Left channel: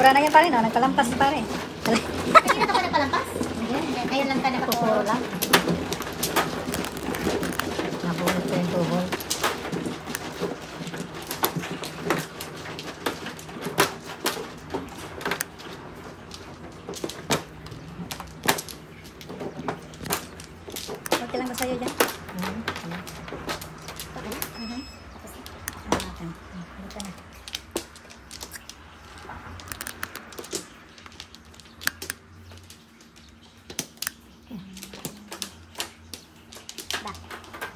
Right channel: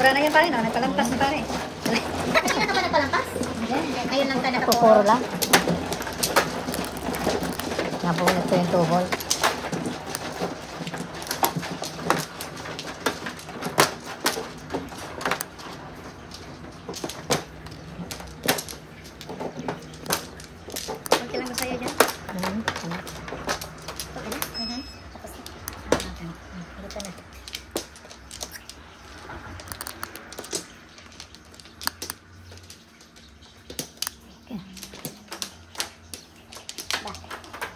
Sobra na yun pare, no? Nagpalampas na pare. Kanina ka ba nagpalampas? Ngayon lang ka Pupuro lang. Napunod ko yung tubol. Okay lang ba sa'yo dyan? Okay na? Tapos na. Dito na.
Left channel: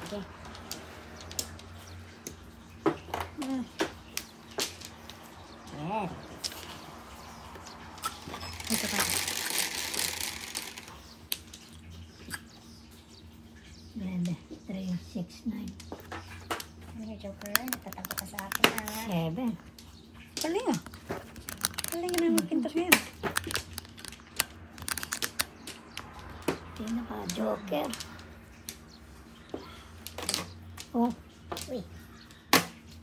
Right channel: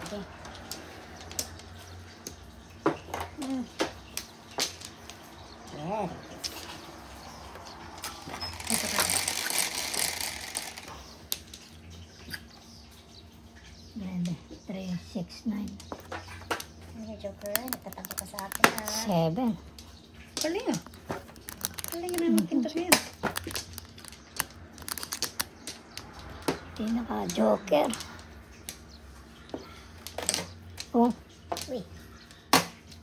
Okay. Good. Ito pa. Ganda. 3, 6, 9. Joker, nagtatampo ka sa akin ha. 7. Galing ah. Galing ka na magkintos ngayon. Pinaka-joker. Oh. Uy.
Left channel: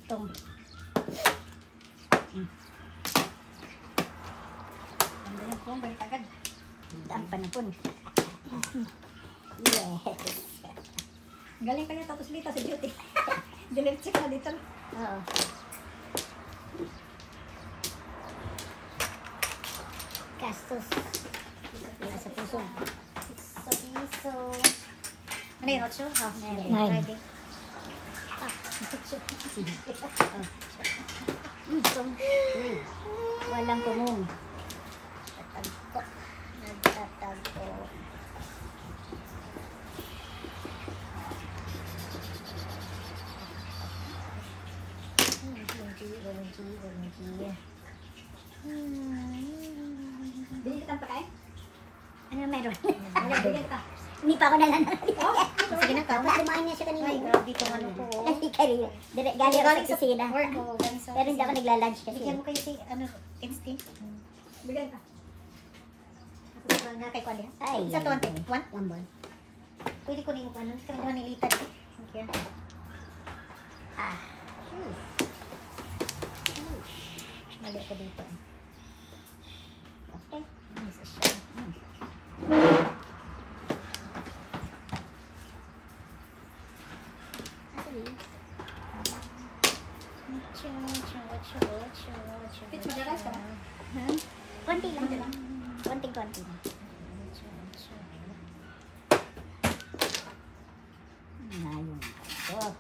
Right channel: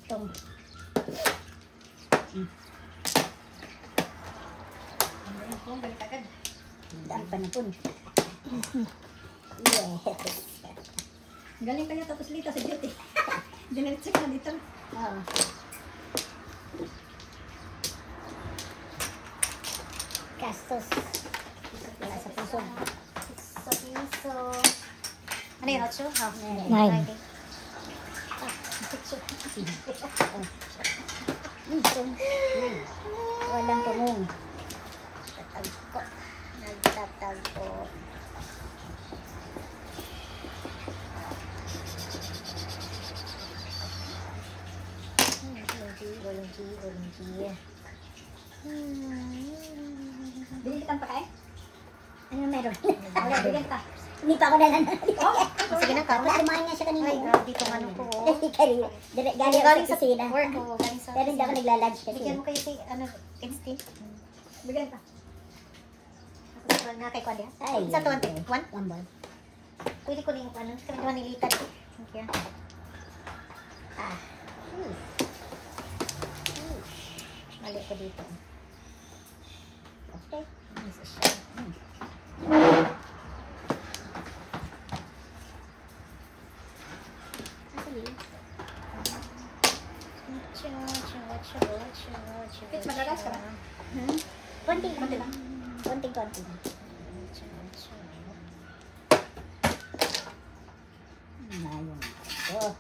Tung. Balik agad. Daan pa na po. Yes. Galing kanya tapos lita sa duty. Diretso ka dito. Oo. Gastos. Wala sa puso. Sa puso. Ano yung hot shoe? Half na yun. 9. Walang kumong. Tatagpo. Nagtatagpo. Walang Bili kitang pakain? ano meron? Wala, bili ka. Hindi pa ako nanan. Oh, Sige na, kapag lumayan nga siya kanina. Ay, grabe ka ano po. Galing ako sa kusina. Work ko. Galing sa Pero hindi ako nagla-lunch kasi. Bigyan mo kayo si, ano, instinct. Bigyan ka. Tapos na kay Kwadi. Ay. Sa tuwan. One? One ball. Pwede ko rin yung ano. Sa tuwan nilitad. Okay. Ah. Mali ako dito. Okay. Isa siya. Madalas ka ba? Konti lang. Konti. Ayun. Oh.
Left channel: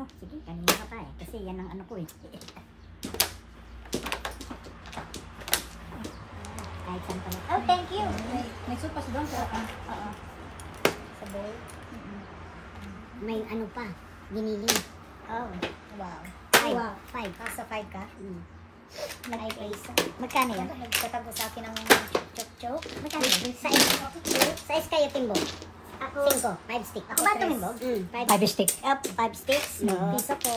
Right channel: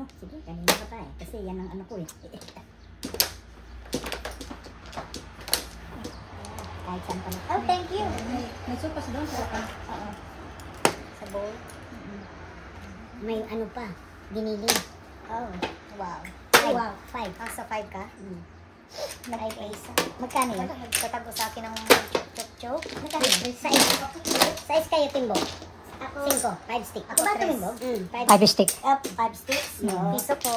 Oh, sige, kanina ka pa eh. Kasi yan ang ano ko eh. Kahit saan ka na. Oh, thank you! May supas doon sa Sa bowl. May ano pa, giniling. Oh, wow. Wow. 5. Sa 5 ka? 5 ace. Magkano yun? Nagtatago sa akin ng Chok-chok. Magkano yun? Size kayo, Timbo? 5. 5 stick. Ako ba Timbo? 5 stick. 5 sticks. Piso po.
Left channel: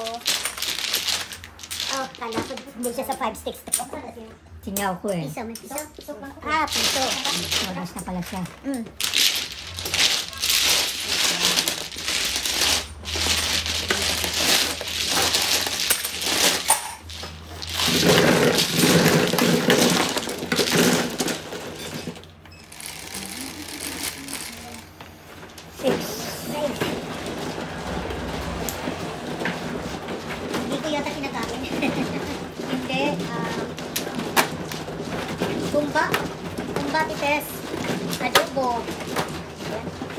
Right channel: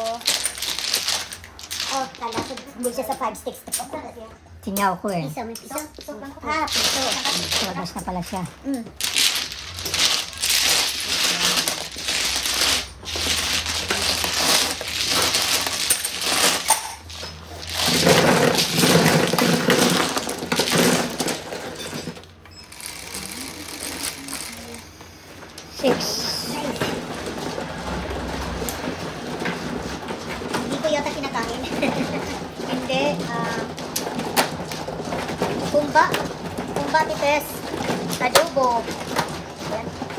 Oh, kala ko hindi siya sa 5 sticks. Tingaw ko eh. Piso, may piso? Ah, piso. Labas na pala siya. Hindi ko yata kinakain. Hindi. Kumba. Kumba tipes. Adobo.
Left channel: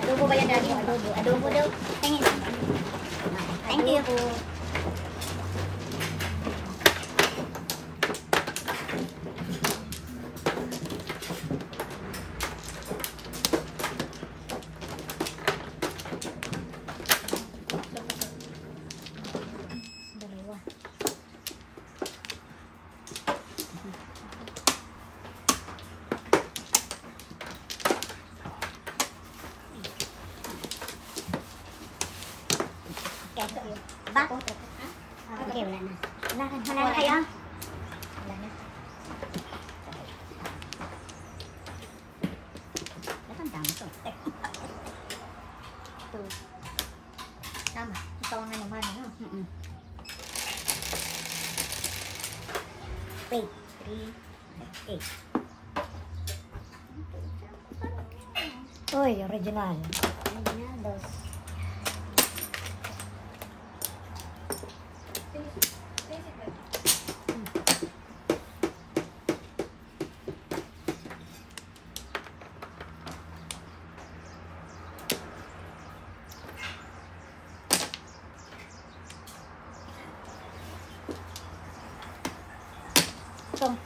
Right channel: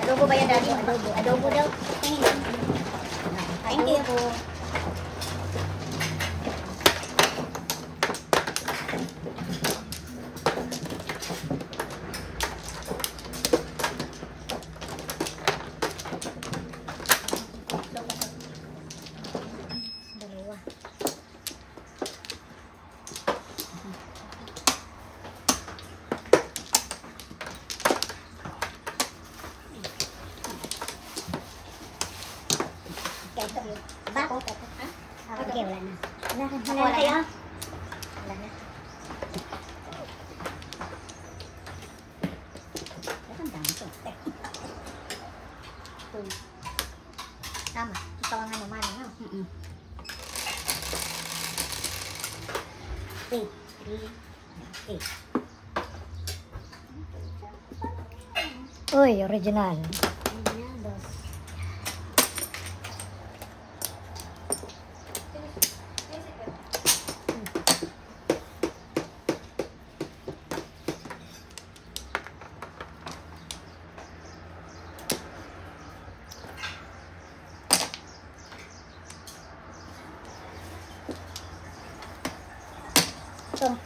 Adobo ba yan, Daddy? Adobo. Adobo daw. Tingin. Thank you. Dalawa. Ba? Okay, wala na. Wala na kayo? Wala na. 2. Tama. Ikaw ang naman, no? Wait. 3, 8. Uy, original. Original, 2. Tom.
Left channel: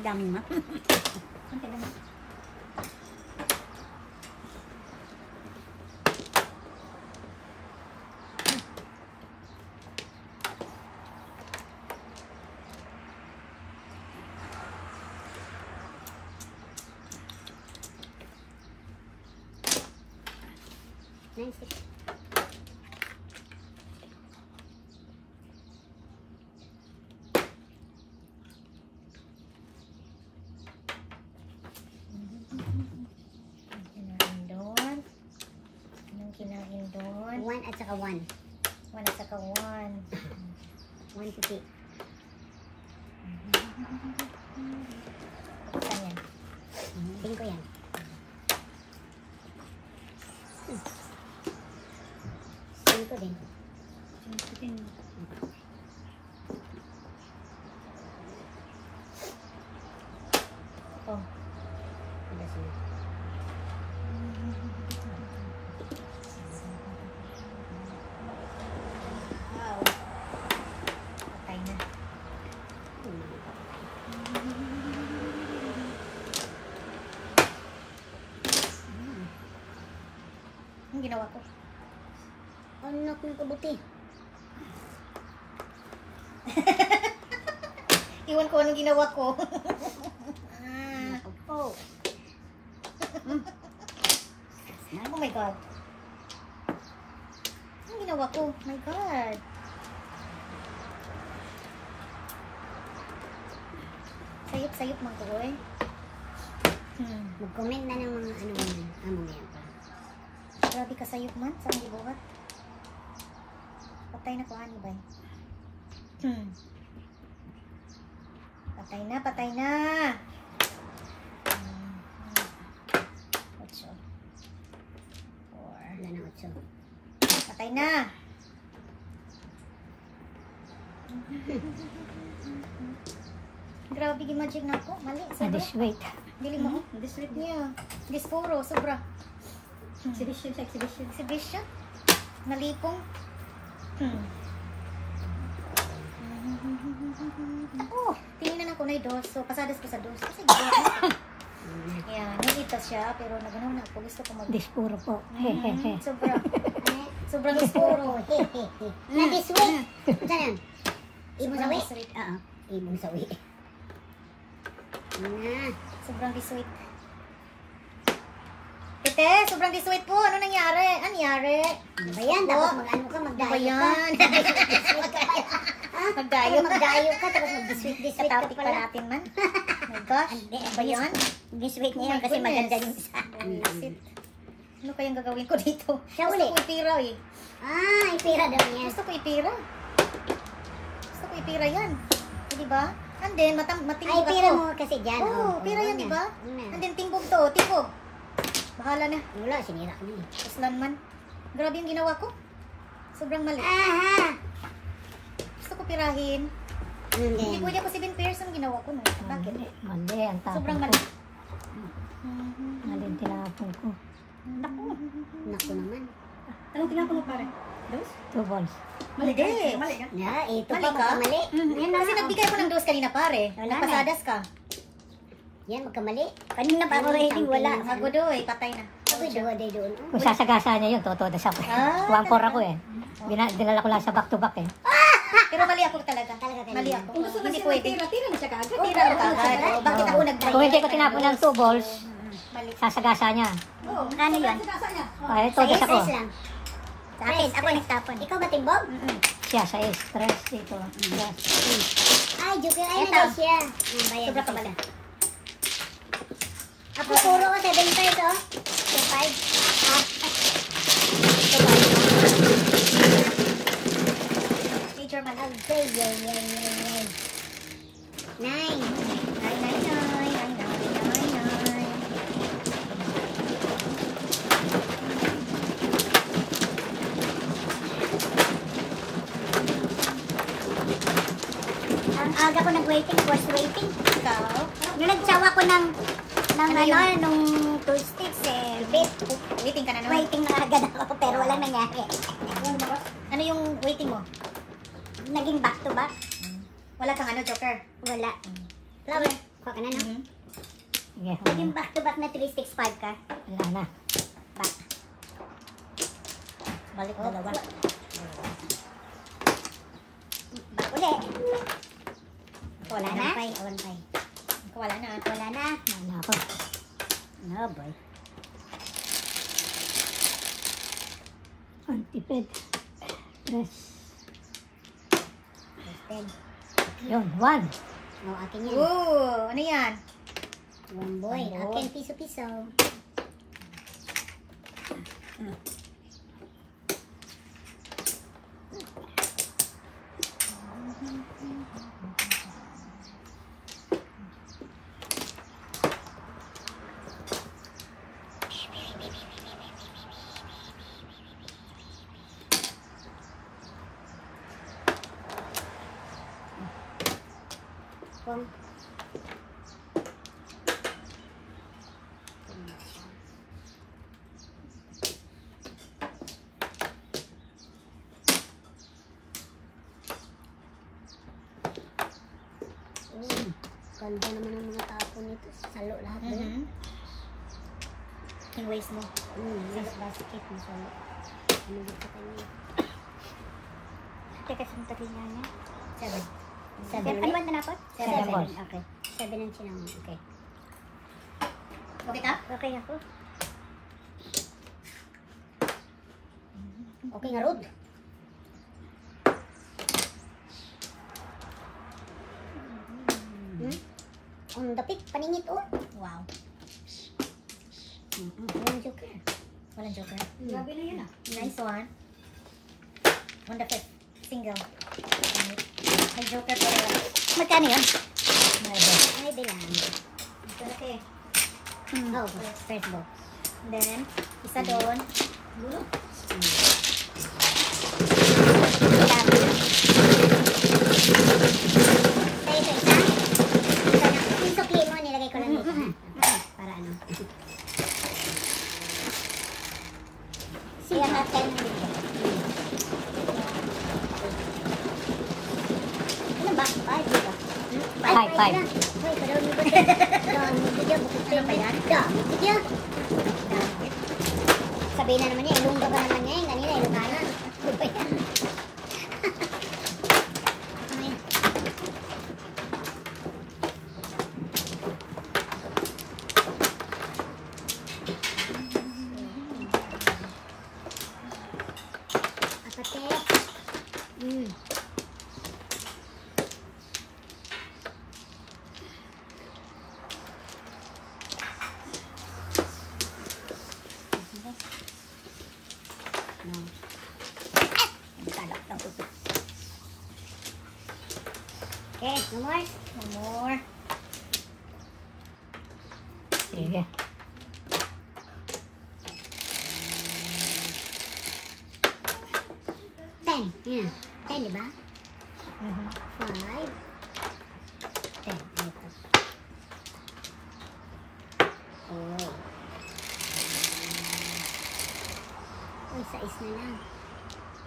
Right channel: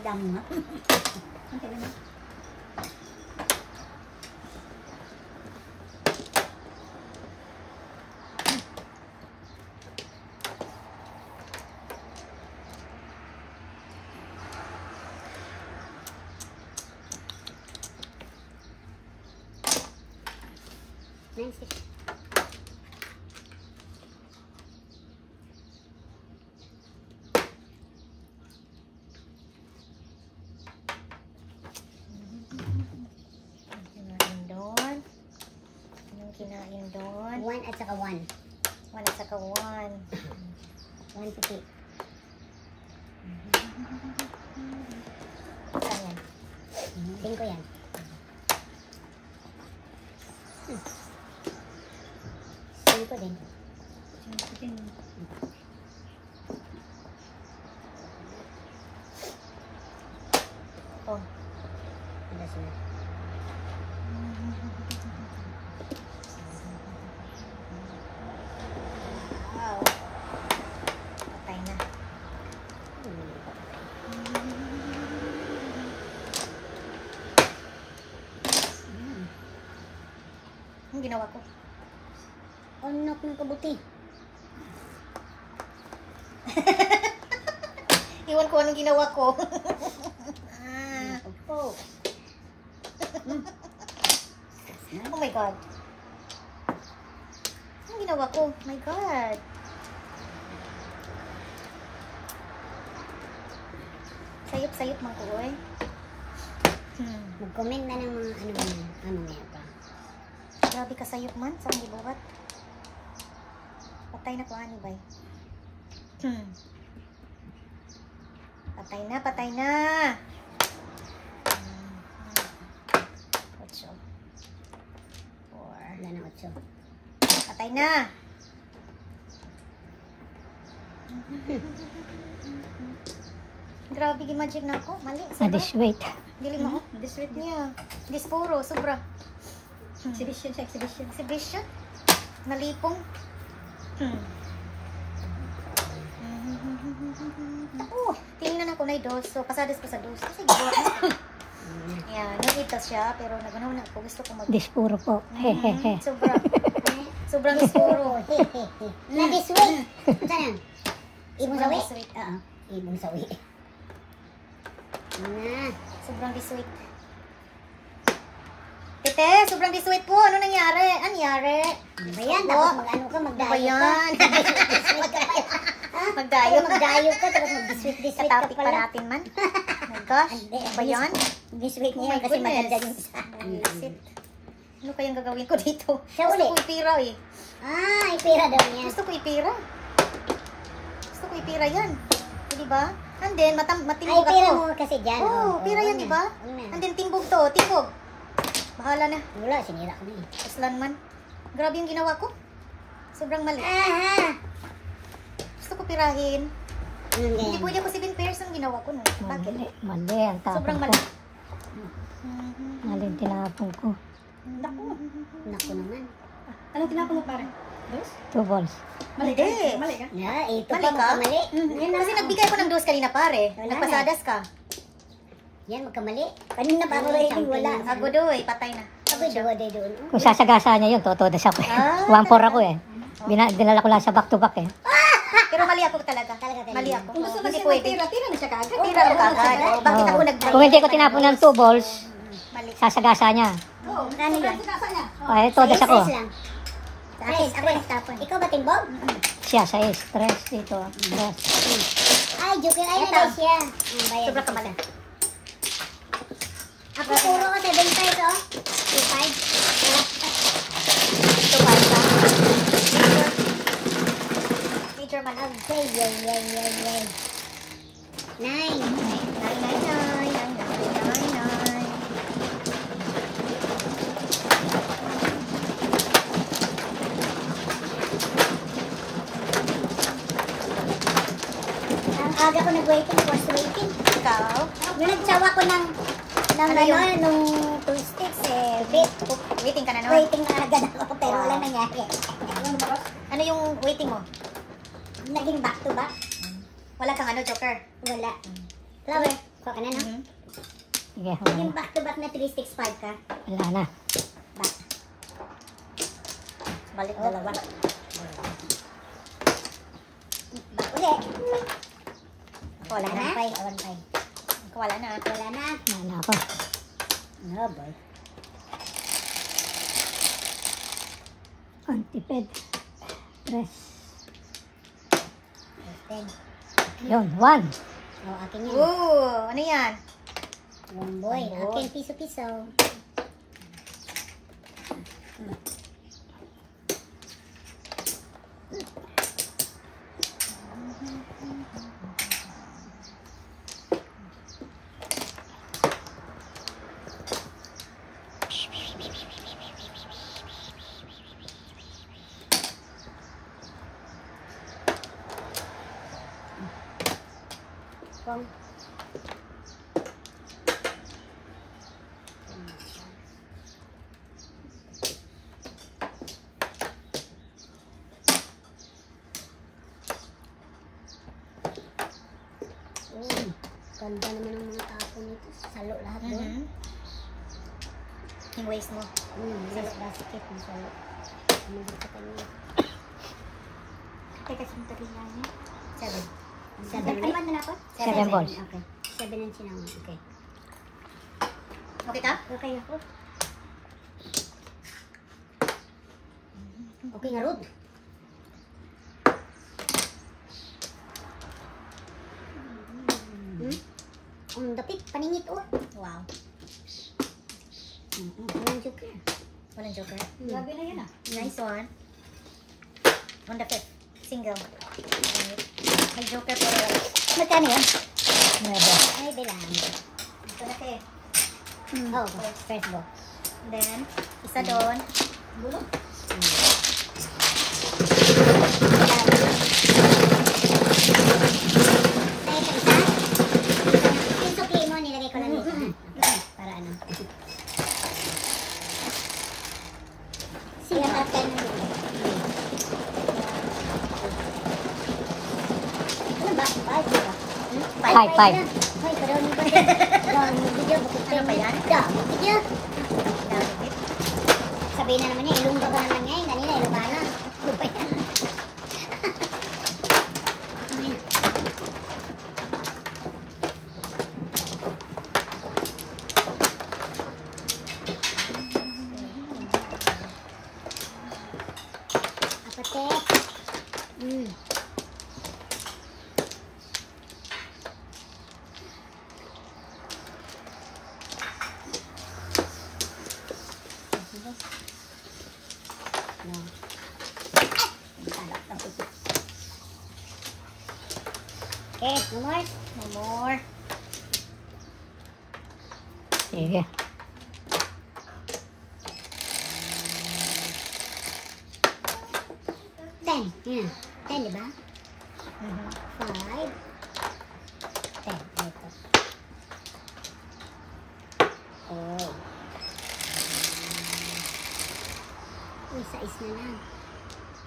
Dami na. Okay lang. Nine, 6. Doon. 1 at saka 1. 1 at saka 1. 1 to 3. Saan yan? Tingin ko yan. Tingin ko din. Oh. Alas na. Wow. Patay na. Hindi pa patay. Ang ginawa ko. Anak ng kabuti. Iwan ko anong ginawa ko. Oh. Oh my God. Anong ginawa ko? Oh my God. Sayop-sayop man ko, eh. Mag-comment na ng mga ano man. Ano ngayon pa. Grabe ka sayop man. Saan gibuhat? Patay na ko, ani bay. Patay na, patay na. 8. 4. Wala na 8. Patay na. Grabe, gi-magic na ako. Mali. Disweight. Dili mo. Disweight niya. Dispuro, sobra. Exhibition sa exhibition. Exhibition. Malipong. Oh, tingnan ako na yung 2. So, pasadas ko sa 2. Kasi gawa na. Ayan, nalita siya. Pero naganaw na ako. Gusto ko mag... Dispuro po. Hehehe. Sobra. Sobrang dispuro. Na disweight. Saan yan? Ibong sawi? Disweight. Oo. Ibong sawi. Na. Sobrang disweight. Tete, sobrang disweight po. Ano nangyari? Ano nangyari? Ano ba yan? Tapos mag-ano ka, magdayo ka. Ayan. Disweight ka pa. Magdayo. Magdayo ka, tapos mag-disweight ka Katapik pa pala. natin man. Oh my gosh. Ano ba yan? Disweight Oh niya my kasi goodness. maganda yung isa. Bullshit. Ano kayang gagawin ko dito? Siya uli. Gusto ko ipira eh. Ah, ipira daw niya. Gusto ko ipira. Gusto ko ipira yan. Eh, diba? And then, Ay, matimbog ipira ako. mo kasi dyan. Oo, pira yan, diba? And then, timbog to. Timbog. Bahala na. Wala, sinira ko na eh. Aslan man. Grabe yung ginawa ko. Sobrang mali. Aha! Gusto ko pirahin. Anong Hindi ganyan? pwede ako 7 pairs ang ginawa ko. No? Bakit? Mali ang tapon Sobrang ko. mali. Mali ang tinapon ko. Naku. Naku naman. Anong tinapon mo pare? 2 balls. Mali ka. Mali ka. Yeah, ito Mali pa ka? magkamali. Kasi nagbigay ko ng 2 kanina pare. Wala Nagpasadas ka. Yan, magkamali. Kanina pa ako rating, wala. Agodoy, patay na. Pwede siya. ba day doon? Kung sasagasa niya yun, totoo na siya po. Ah, 1-4 ako eh. Dinala ko lang sa back-to-back eh. Pero mali ako talaga. Talaga ganun. Mali ako. Kung gusto na Hindi siya pwede. magtira, tira mo siya kagad. Oo, tira mo kagad. Oo, bakit ako nag-diet? Kung hindi ko tinapon ng 2 balls, Mali. sasagasa niya. Oo, Ano yan? sinasa niya. Ay, todas ako. Stress lang. Stress. Ikaw ba, Timbog? Siya sa stress dito. Yes. Ay, joker. Ay, na guys siya. Bayad. Sobra ka pala. Ako puro ko 7.5 oh. 2.5. Teacher man. Okay, yay. 9. Ang aga ko nag-waiting, was waiting. Ikaw? Nung nagsawa ko ng nung 2 sticks eh, bit. Waiting ka na naman. Waiting na agad ako, pero walang nangyari. Ano yung waiting mo? Naging back to back. Wala kang ano, joker? Wala. Flower, kuha ka na no? Mhm. Sige, Naging back to back na 365 ka. wala na. Back. Balik dalawa. Back ulit. Wala na. 1.5. Wala na. Wala na. Wala na ako. No boy. Antiped. Stress. 10. Yun, 1. Oh, akin yan. Ooh, ano yan? One boy. One boy. Akin piso-piso. Kung ganda naman ang mga tapo nito. Salo lahat doon. Mhm. Yung waist mo. Salo basket na salo. Ano dito kanya? Teka, sintabi na niya. 7. 7 Ano ulit? ba na dapat? 7 balls. Okay. 7 ang sinama. Okay. Okay ta? Okay ako. Okay nga, Rod. Ang dapit, paningit oh. Wow. Walang joker. Walang joker. Sabi na yun ah. Nice one. On the fifth. Single. May joker pero wala. Magkano yun? Never. Ay, bilang. Ito na kayo. Oh, first box. And then, isa doon. Gulo. Tayo ito, isa. Yung sukli mo, nilagay ko lang dito. Ha? Para ano. Siya natin. Ano ba? Ay, di ba? Five. Ay, parang mo ba rin? Dami mo video, bakit tayo ba yan? Dami video. Sabihin na naman niya, ilungga ba naman niya? Kanina, ilungga na. Ano ba yan? Ano yan? Apate. No. Okay, no more. No more. Sige. Ten. Yeah. 10, di ba? Mhm. 5. 10. Ito. Oy. Uy, sais na lang.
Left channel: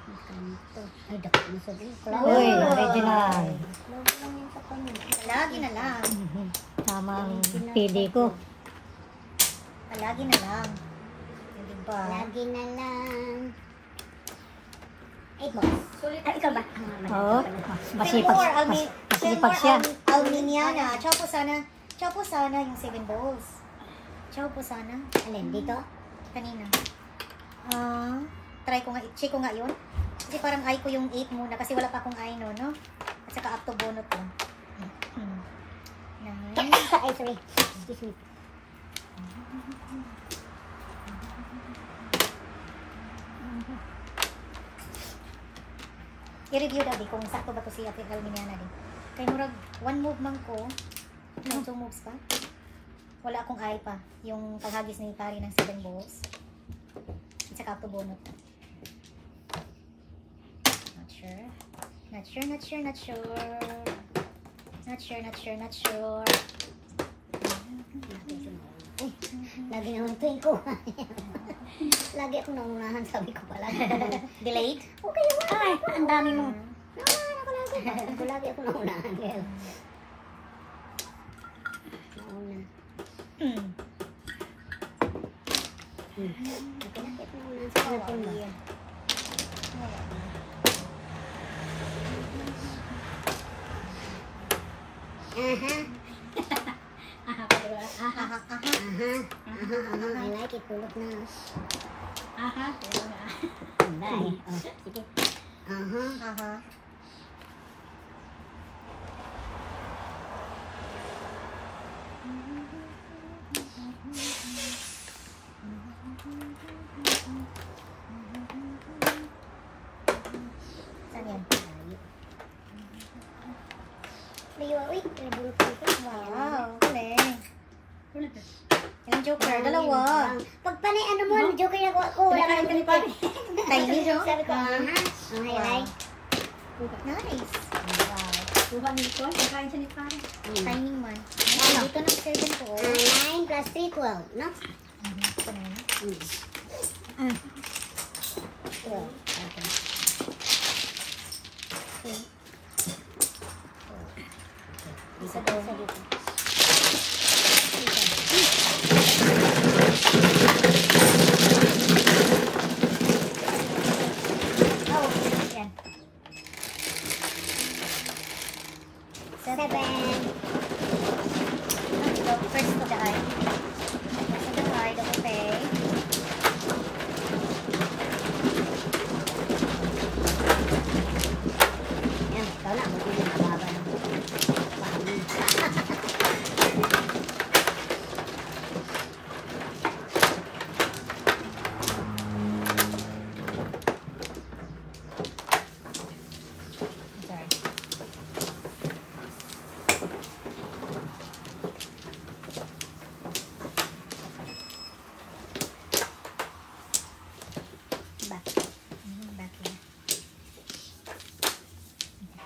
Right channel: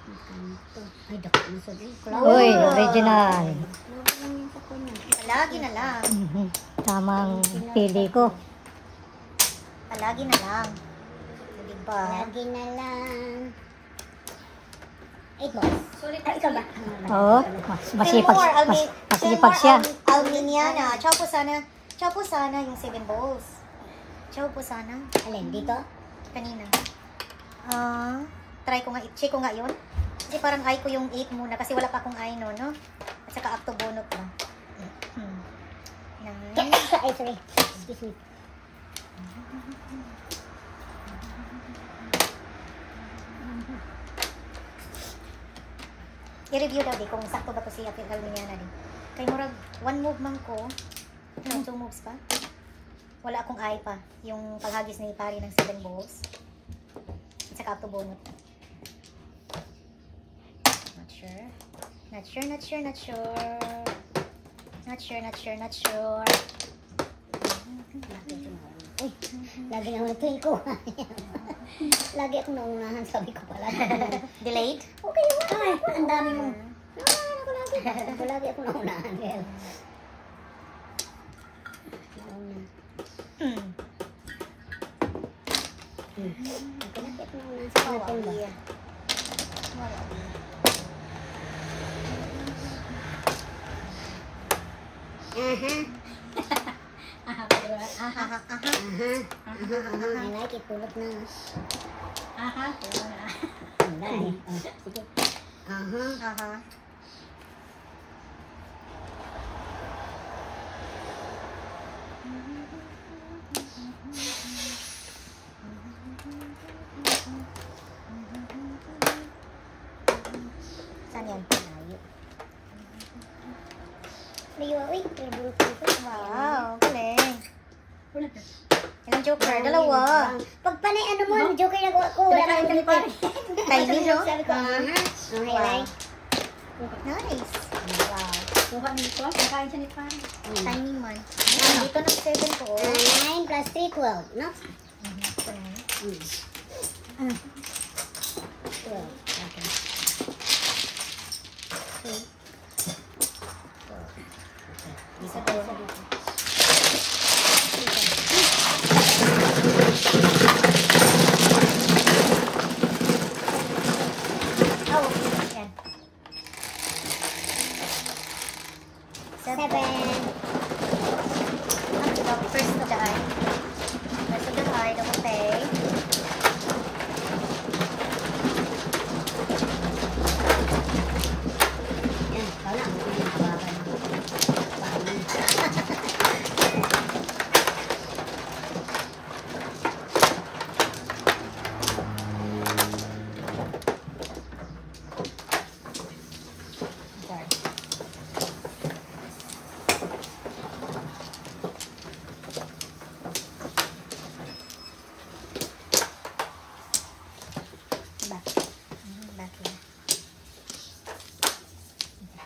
Makanto. Ay, dako mo sabi. Uy, original. Logo lang yan sa kanya. Palagi na lang. Mhm. Tamang pili ko. Palagi na lang. ba? Lagi na lang. 8 balls. Ikaw ba? Oo. Masipag. More, Masipag siya. Alminiana. Chow po sana yung 7 balls. Chow po sana. Alin, dito? Kanina. Try ko nga, check ko nga yun. Kasi parang ay ko yung 8 muna kasi wala pa akong ay no, no? At saka up to bonot lang. Ay, sorry. Excuse me. I-review daw di kung sakto ba to si Ate Alminiana din. Kaya murag, 1 move man ko. No, 2 moves pa. Wala akong ay pa. Yung paghagis ni pari ng 7 balls. At saka up to bonot. Not sure. Not sure, not sure, not sure. Not sure, not sure, not sure. Lagi naman ito ko. Lagi akong naunahan, sabi ko pala. Delayed? Okay, wala. Ang dami mo. Naunahan ako lagi. Lagi akong naunahan. Nauna. Nagkalakit na naunahan sa kanapon ba? I like it. Pulot na. Sige. Saan yan? Layo. Layo, uy. Pinabulot ko ito. Wow, galing. Yung joker, dalawa. Pag panay ano mo, joker na ko. Wala ka ng joker. Tiny, no? Sabi ko, highlight. Nice. Wow. Kuha ni Nicole, kakain siya ni Pari. Timing man. Dito ng 7 ko. 9 plus 3, 12. No? Ito na. 12. Okay. Isa doon. Yan. 7. First of the eye. First of the eye, double pay. Yan, ikaw na. Huwag yung mababa na.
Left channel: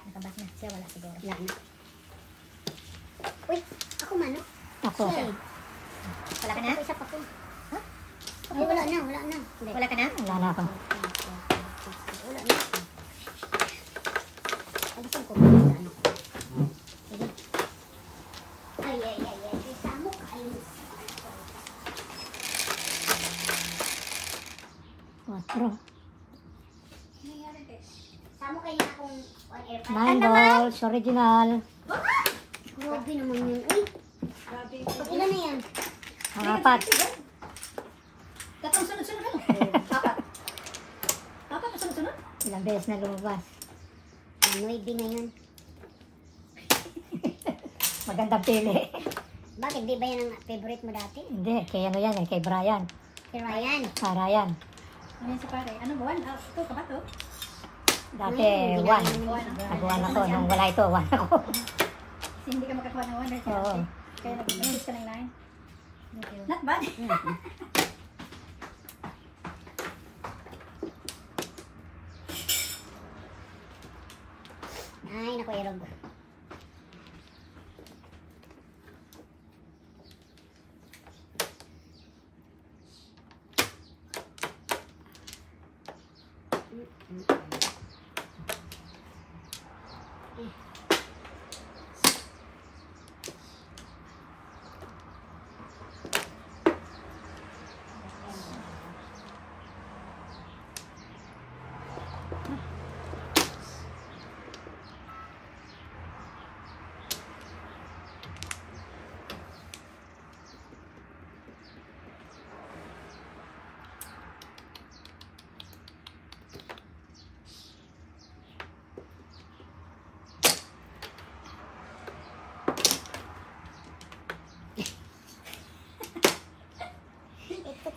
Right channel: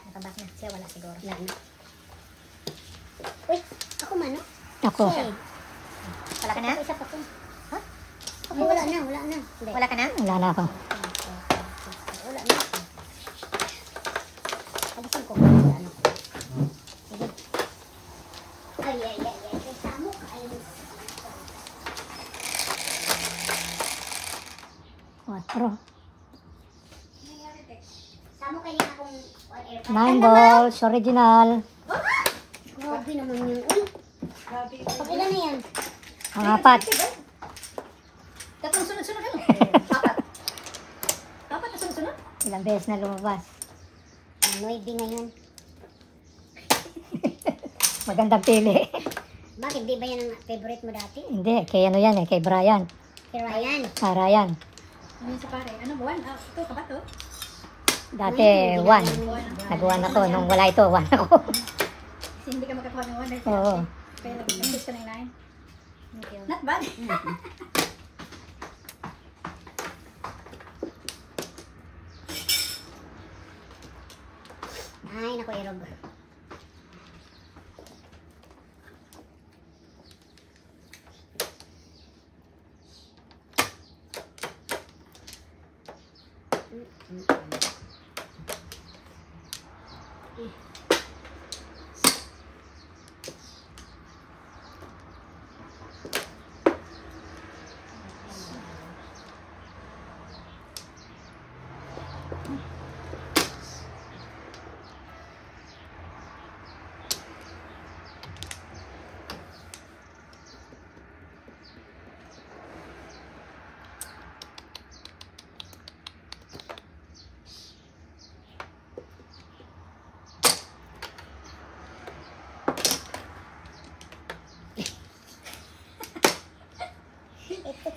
Nakaback na. Siya wala siguro. Wala na. Uy, ako man, no? Ako. Shade. Wala ka na? Ako isa pa ko. Ha? Ay, wala na, wala na. Hindi. Wala ka na? Wala na ako. Wala na. Alisin ko. Ano ko. Sige. Ay, ay, ay, ay. Kay Samo ka. Ay, 4. Samo kayo na akong on air. 9 balls. Original. Grabe naman yun. Uy, pag ilan na yan? Ang 4. Tatlong sunod-sunod ano? Apat na sunod-sunod? Ilang beses na lumabas. 9 ngayon. Magandang pili. Bakit? Di ba yan ang favorite mo dati? Hindi, kay ano yan eh, kay Brian. Kay Ryan. Ryan. Ano yan si Pare? Ano ba? Ito, kabato? Dati, Ay, 1. ginaya naman yun. Nag-1 ako. Nung wala ito, 1 ako. Kasi hindi ka makakuha ng 1 dahil si Oo. Ate. Kaya nag-insist ka ng 9. Thank you. Not bad. Ay, naku, Erog.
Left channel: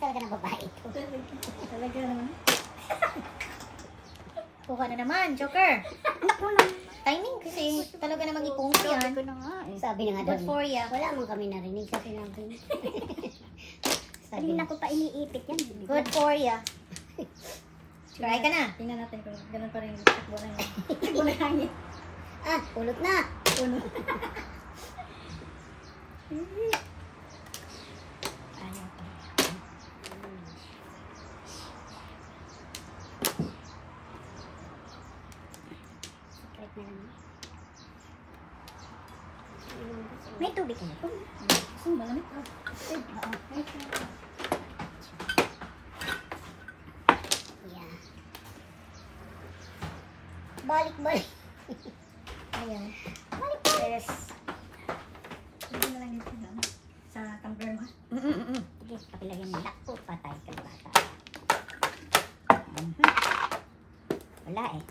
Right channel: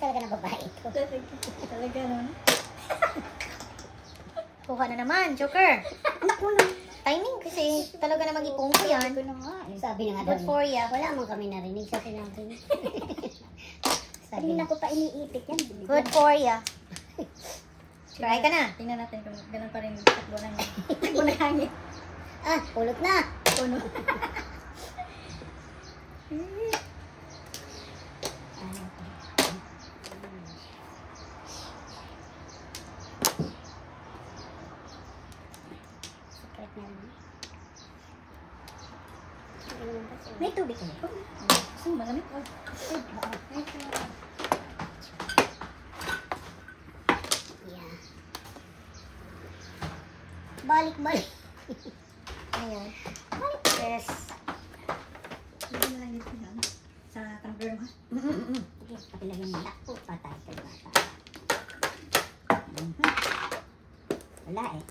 talaga na babae ito. Talaga naman. Kuha na naman, Joker. Naku na. Timing kasi talaga namang ipungko yan. Sabi ko na nga. Sabi na nga daw Good for ya. Wala mo kami narinig sa sinabi. Sabi Hindi na. na ko pa iniipit yan. Good for ya. Try ka na. Tingnan natin kung ganun pa rin takbo ng takbo ng hangin. Ah, pulot na. Puno. Secret na lang. Ano naman kasi? May tubig niyo. Gusto mo malamig? Oh. Yeah. Balik. Ayan. Yes. Hindi na lang yung ano, sa tumbler mo. Sige, pakilagyan mo. Naku, patay ka bata. Wala eh.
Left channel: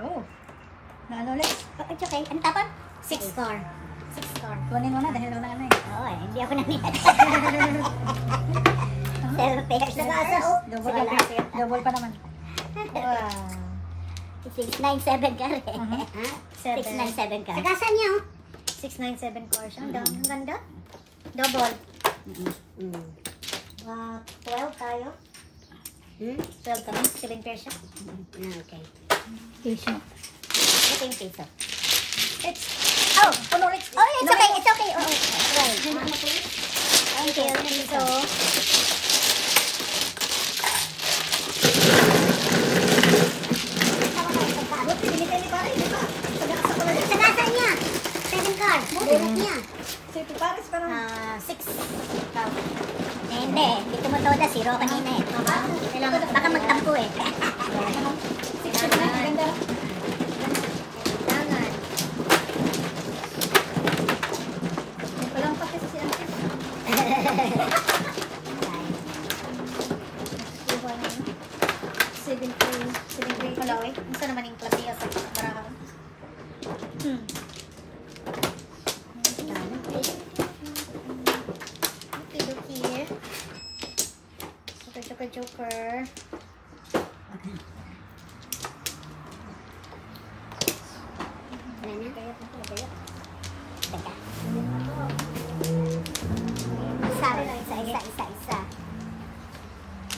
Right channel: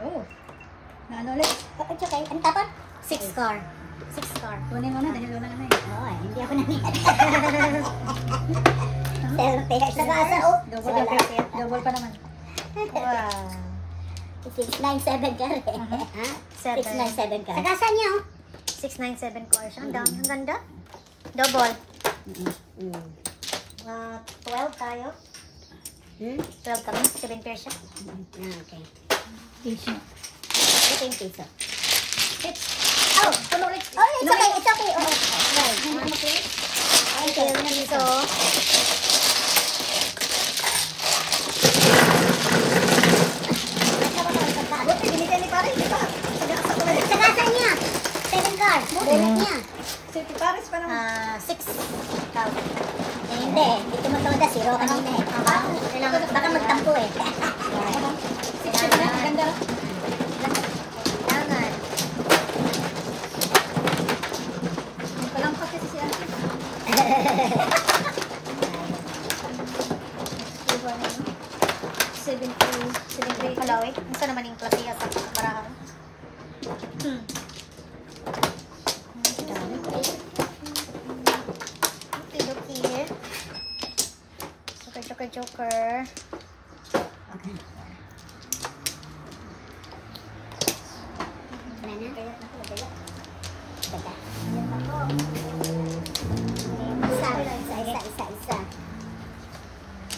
Oo. Naano ulit. It's okay. Ang tapat? 6 car. 6 car. Kunin mo na dahil wala na eh. Oo, hindi ako nangyayari. Selfie. Sa kasa, oh. Double pa naman. Wow. 697 ka rin. Ha? 697 ka. Sa kasa niya, oh. 697 car siya. Ang dami. Ang ganda. Double. 12 tayo. 12 kami. 7 pair siya. Ah, okay. Tissue. Ito yung piso. Oh, tulong it. Oh, it's okay. It's okay. Oh, right. Okay, so, Sa kasa niya. 7 cards. Bullet niya. Safety Paris pa naman. 6. Hindi. Hindi ko matoda. Zero kanina eh. Baka magtampo eh. Six na yan. Ganda na. Palang pati si Auntie. Diba na yun? 73 Kalawit. Ito naman yung platiya sa barahan. Okay. Joker. Wala na? Isa.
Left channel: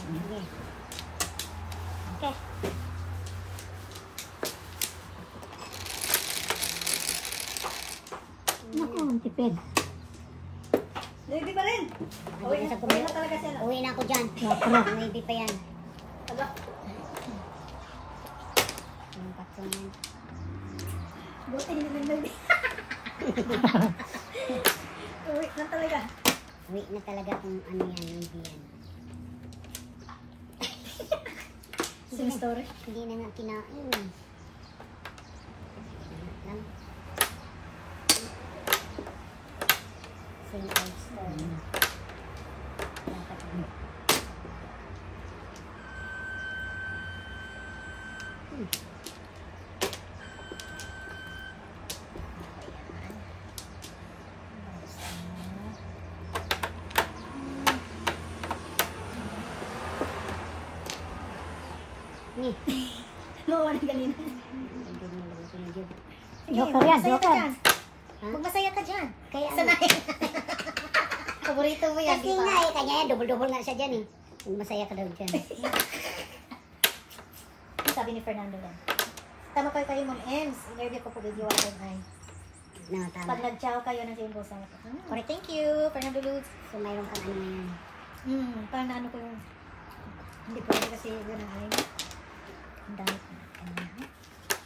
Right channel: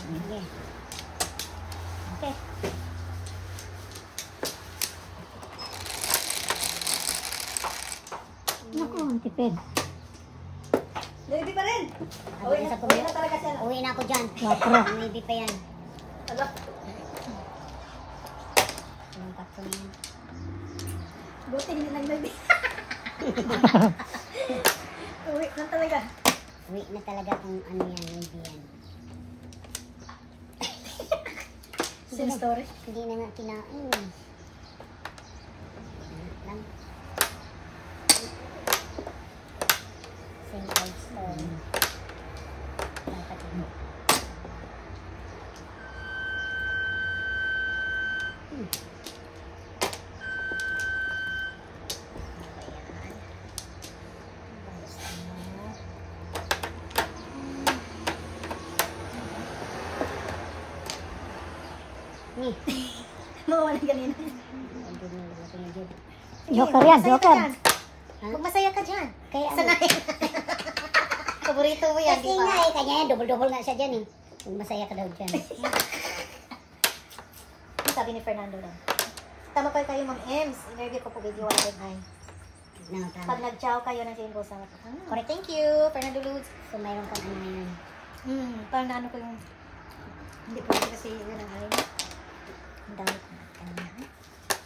Okay. Okay. Naku, ang tipid. Louis pa rin. Uwi na sa Uwi na talaga siya. Uwi na ako dyan. Napro. Maybe pa yan. Ala. Yung patron yan. Buti hindi lang Louis. Uwi na talaga. Uwi na talaga kung ano yan. Maybe yan. Same story. Hindi na nga kinain. Lang. Same old story. Dapat yun. Mawala ganina. Joker yan, Joker. Kung masaya ka dyan. Kaya ano? Sanay. Paborito mo yan, Kasi di ba? nga eh, kanya yan, double-double nga siya dyan eh. Kung masaya ka daw dyan. Sabi ni Fernando lang. Tama kayo, Ma'am Ems. Interview ko po video one ay. No, tama. Pag nag-chow kayo ng same sa akin. Correct. Thank you, Fernando Luz. So mayroon kang ano ngayon. Parang naano ko yung... Hindi ko rin kasi yun ang alay mo. Ang dami ko.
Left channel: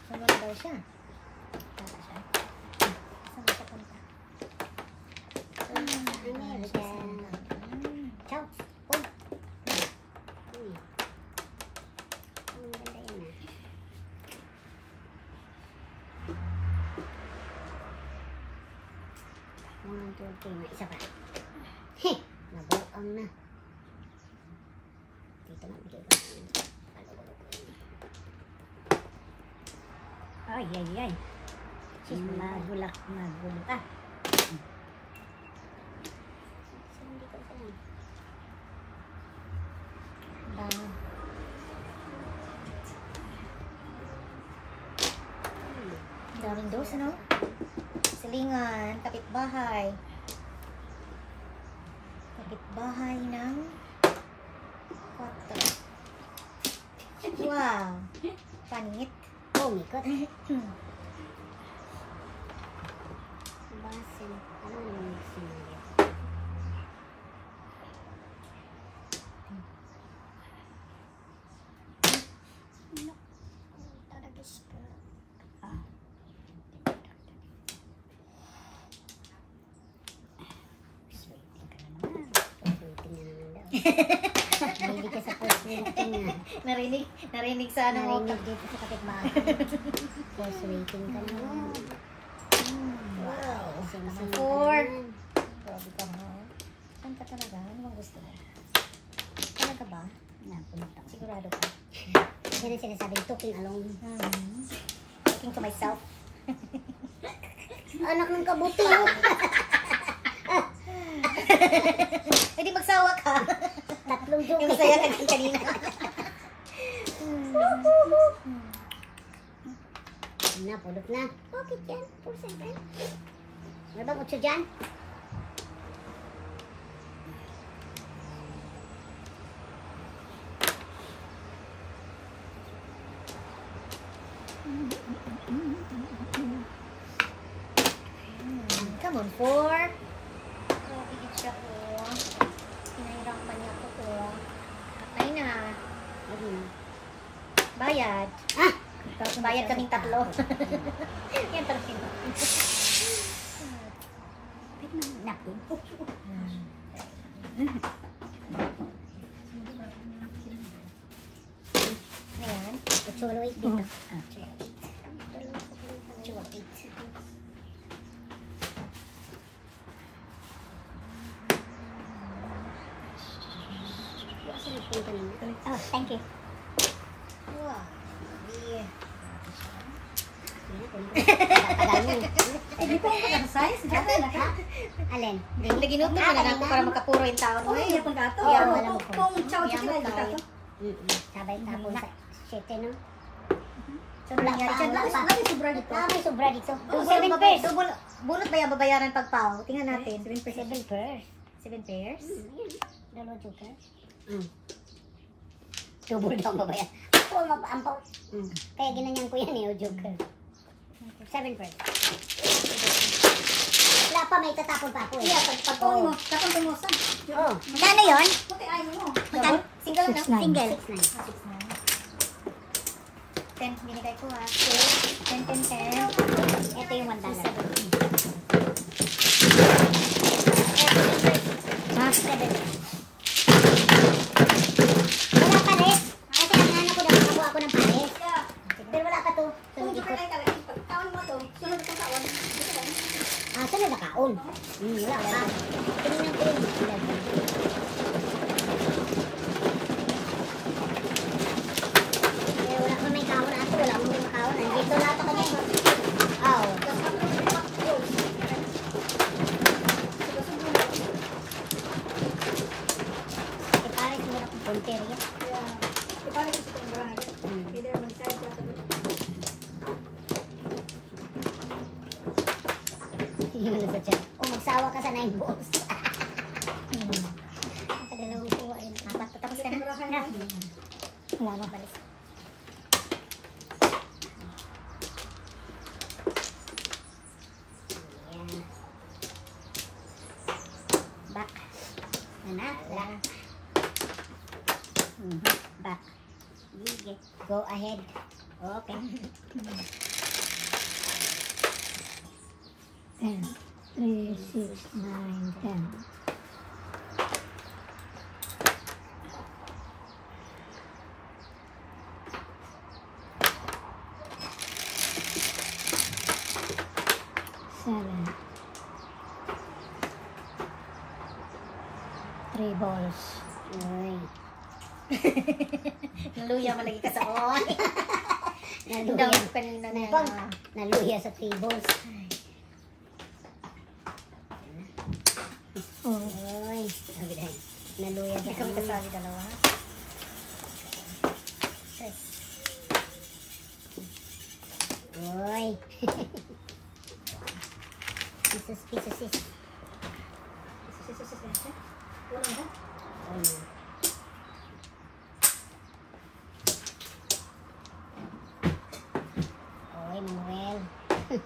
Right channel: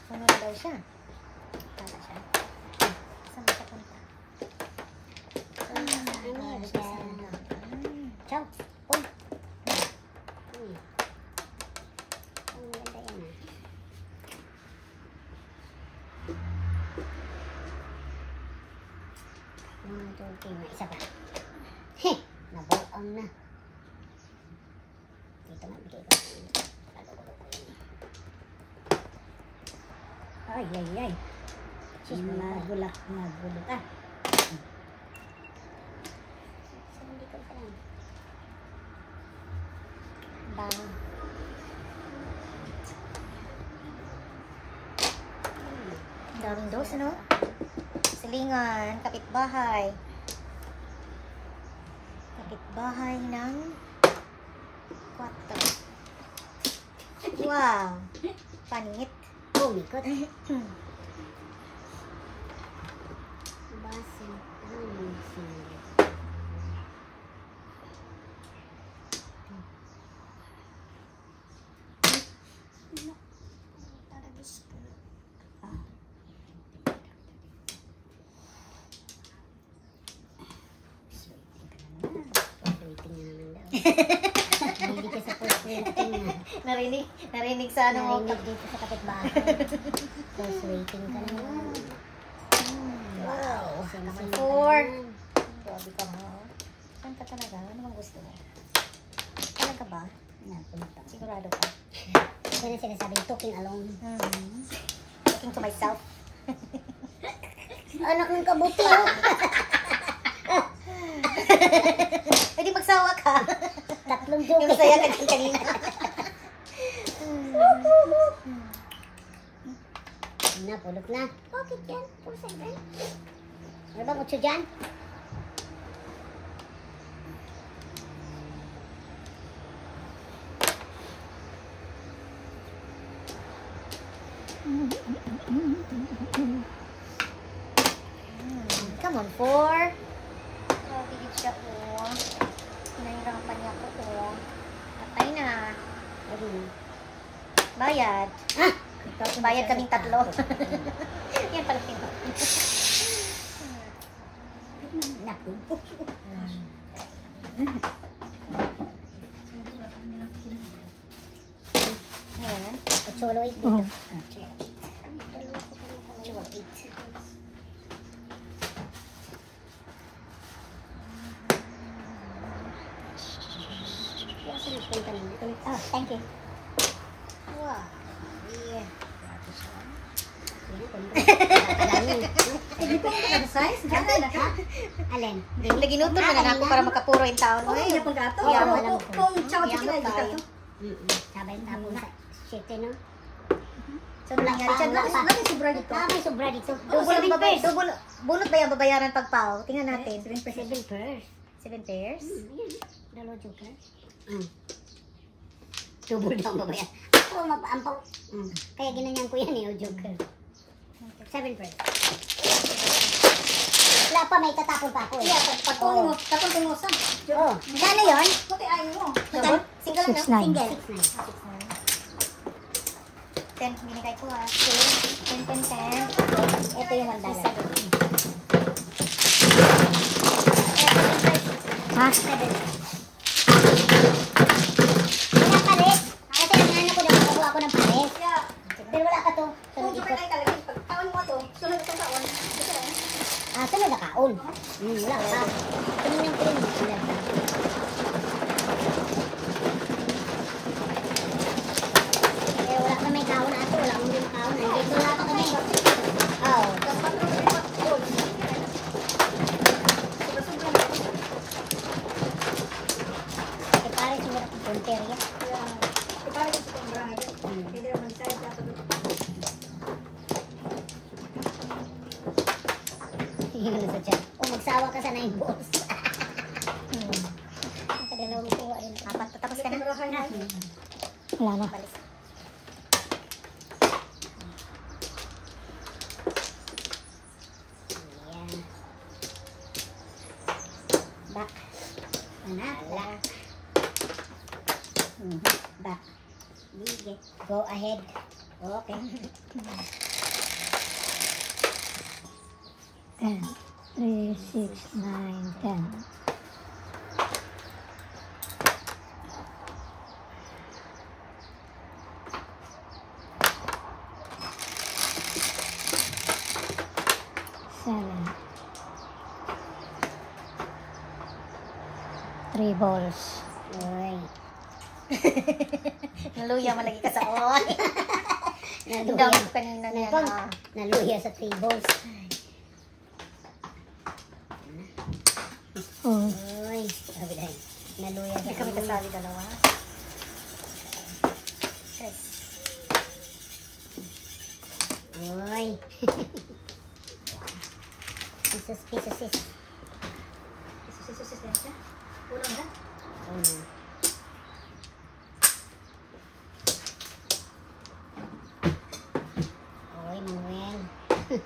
Saan na daw siya? Para siya. Saan na siya punta? Ano eh, ciao. Uy. Uy. Ang maganda yan ah. One, two, three. May isa pa. Heh! Nabuang na. Dito nga, bigay ko. Kalo-kalo ko yun. Ay, ay, ay. Nagulak. Ah. So, hindi ko lang. Bang. Daming dos, ano? Silingan, kapitbahay. Kapitbahay ng kwarto. Wow! Panit. Oh, mikot. Basin. Ano naman yung single? Hindi ka sa first waiting na. Narinig sa ano. Narinig dito sa kapitbahay. First waiting ka naman. Wow. Sing-sing Four. ka naman. Grabe ka mo. Saan ka talaga? Ano bang gusto mo? Talaga ba? Napunta. Sigurado ka? Yan ang sinasabing talking alone. Talking to myself. Anak ng kabuti, oh. Pwede magsawa ka. Tatlong joke. Yung saya ka kanina. Napulot na. Bakit yan? 4-7. Ano bang 8 dyan? Come on, 4. Grabe gid siya, oh. Pinahirapan niya ako, oh. Patay na. Bayad. Ah! Bayad kaming tatlo. Yan pala pinto. Naku. Ngayon, 8 dito. Saan yung kanina? Oh, thank you. wow. Yeah. Tagal mo. Hindi pa ako size. Gana na ka. Alin? Hindi ginuto na lang ako para makapuro yung taon mo. Oo, hindi pang gato. Oo, Pero alam ko. kung tsawa Yaman sila, hindi tayo. gato. Sabay tapon sa shit, no? So, nangyari pa, dyan wala lang. pa. Lagi sobra dito. May sobra dito. Oh, 7 pairs. Bunot ba yung babayaran pagpaw? Tingnan natin. 7 pairs. 7 pairs? Ayan. Dalawa joker. Double daw ang babayan. Ako mapaampaw. Kaya ginanyan ko yan eh, o joker. 7 pairs. Wala pa, may tatapon pa ako eh. Yeah, Tapon mo. Tapon mo sa. Oh, gano yun? Buti ayaw mo. Double? Single lang yun? 6'9". Single. 10, binigay ko ha. 10, 10, 10. Ito yung $1. Ha? 7. Wala pares. Kasi ang ano ko daw, makakuha ako ng pares. Yeah. Pero wala pa to. Kung Sunod sobra ikot. kayo kalagin, pag taon mo to, sunod ka taon. Sunod na kaon. Wala pa. Tingnan ko yung ilan na. Pero wala pa may kaon na ito. Wala pa may makaon. Andito lahat kami. Oh. Eh, pare siguro akong punter yan. Yun na sa chat. O magsawa ka sa 9 balls. Nakadalawang kuha rin. Apat, tapos ka na. Wala na. Ayan. Back. Back. Back. Go ahead. Okay. 10, 3, 6, 9, 10. Seven. 3 balls. Uy. Naluya mo lagi ka sa on. Ang Naluya. dami kanina yan. Nagpang. Ah. Naluya sa 3 balls. Oh, Uy, sabi dahil. Naluya sa Hindi kami kasali dalawa. Yes. Uy. Pisos, pisos, sis. Sus. Kurang na. Oh, no. Uy, Manuel. Yeah.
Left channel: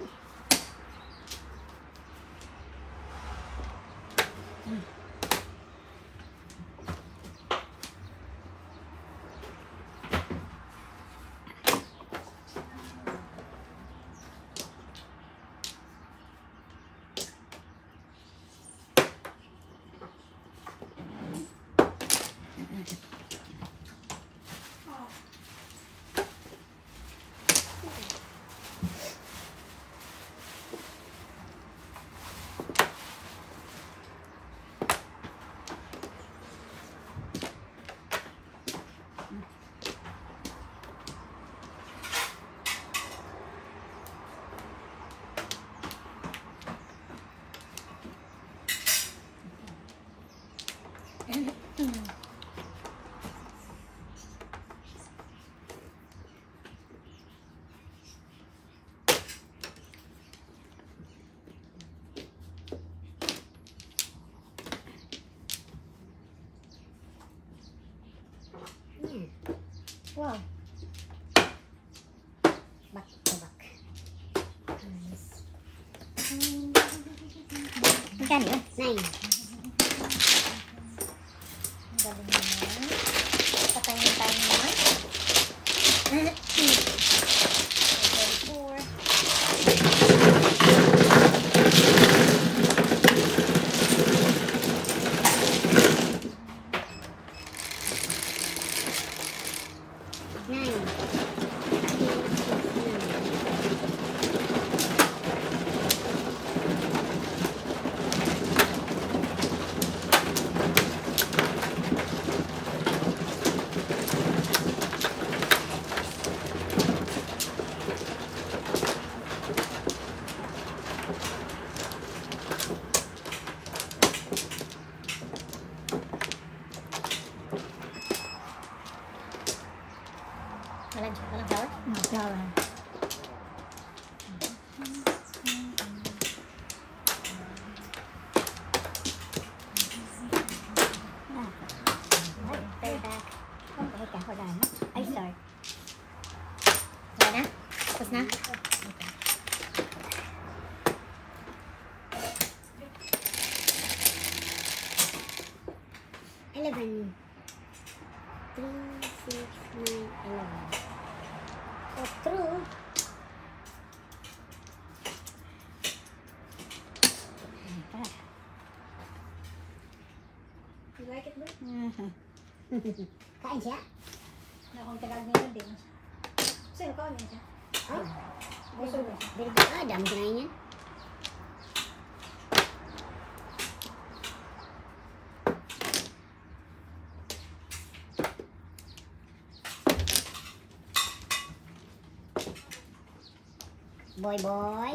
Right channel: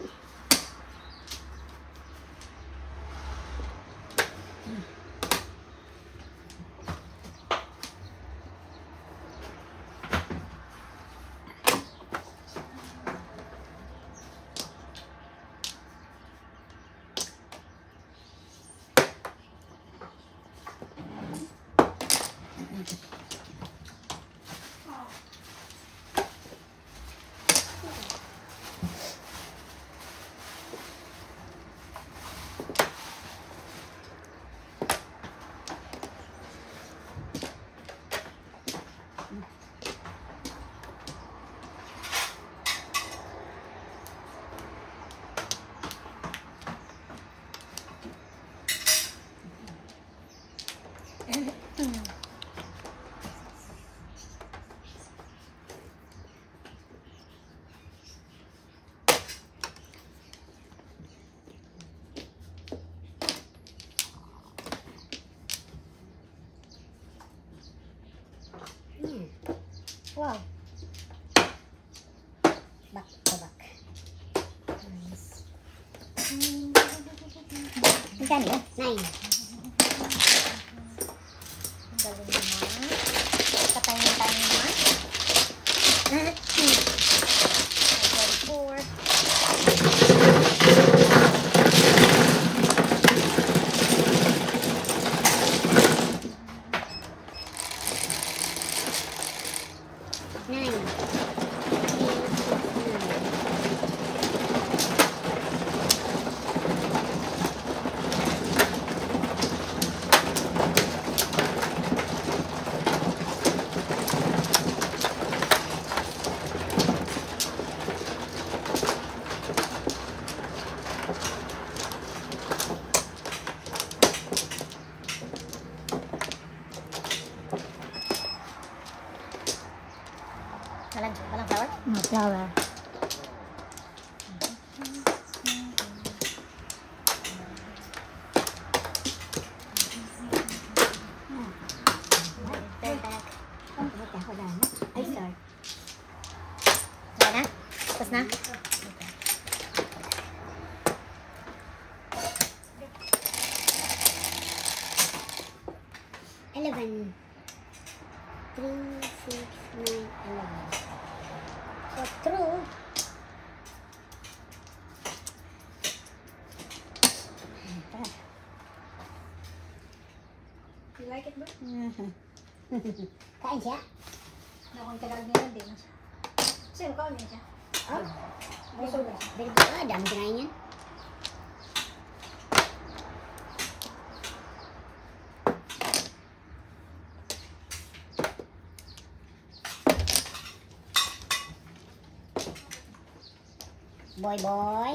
Wow. Back to back. Nice. Magkano yun? 9. Ang galing naman. Patangin tayo naman. 4. Walang flour? flower. Ay, sorry. Wala na? Tapos na? $11. 3, 6, 9, 11. So, true. You like it, bro? Kain siya. Nakong talag niya din. Sino ka ulit siya? Oh, very good. Ah, dami kinain yan. Boy, boy.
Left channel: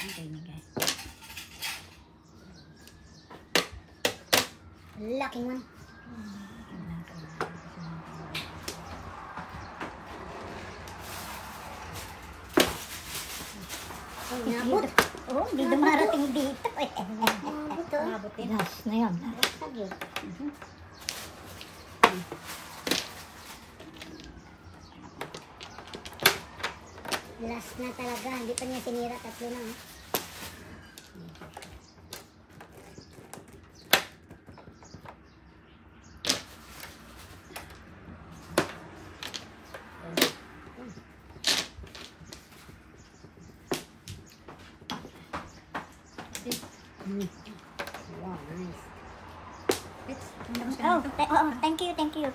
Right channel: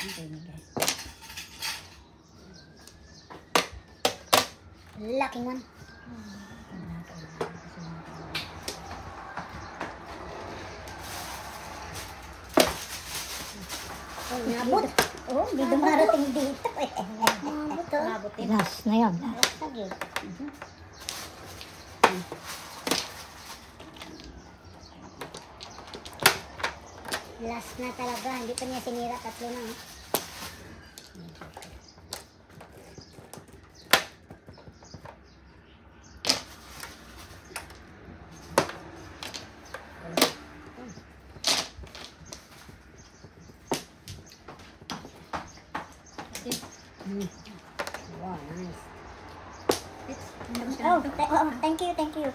Laking one. Oh, nabot. Oh, hindi dumarating dito eh. Nabot to. Nabot din. Last na yun. Tagyo. Last na talaga. Hindi pa niya sinira. Tatlo na. Oh. Wow, nice. Oh, thank you, thank you.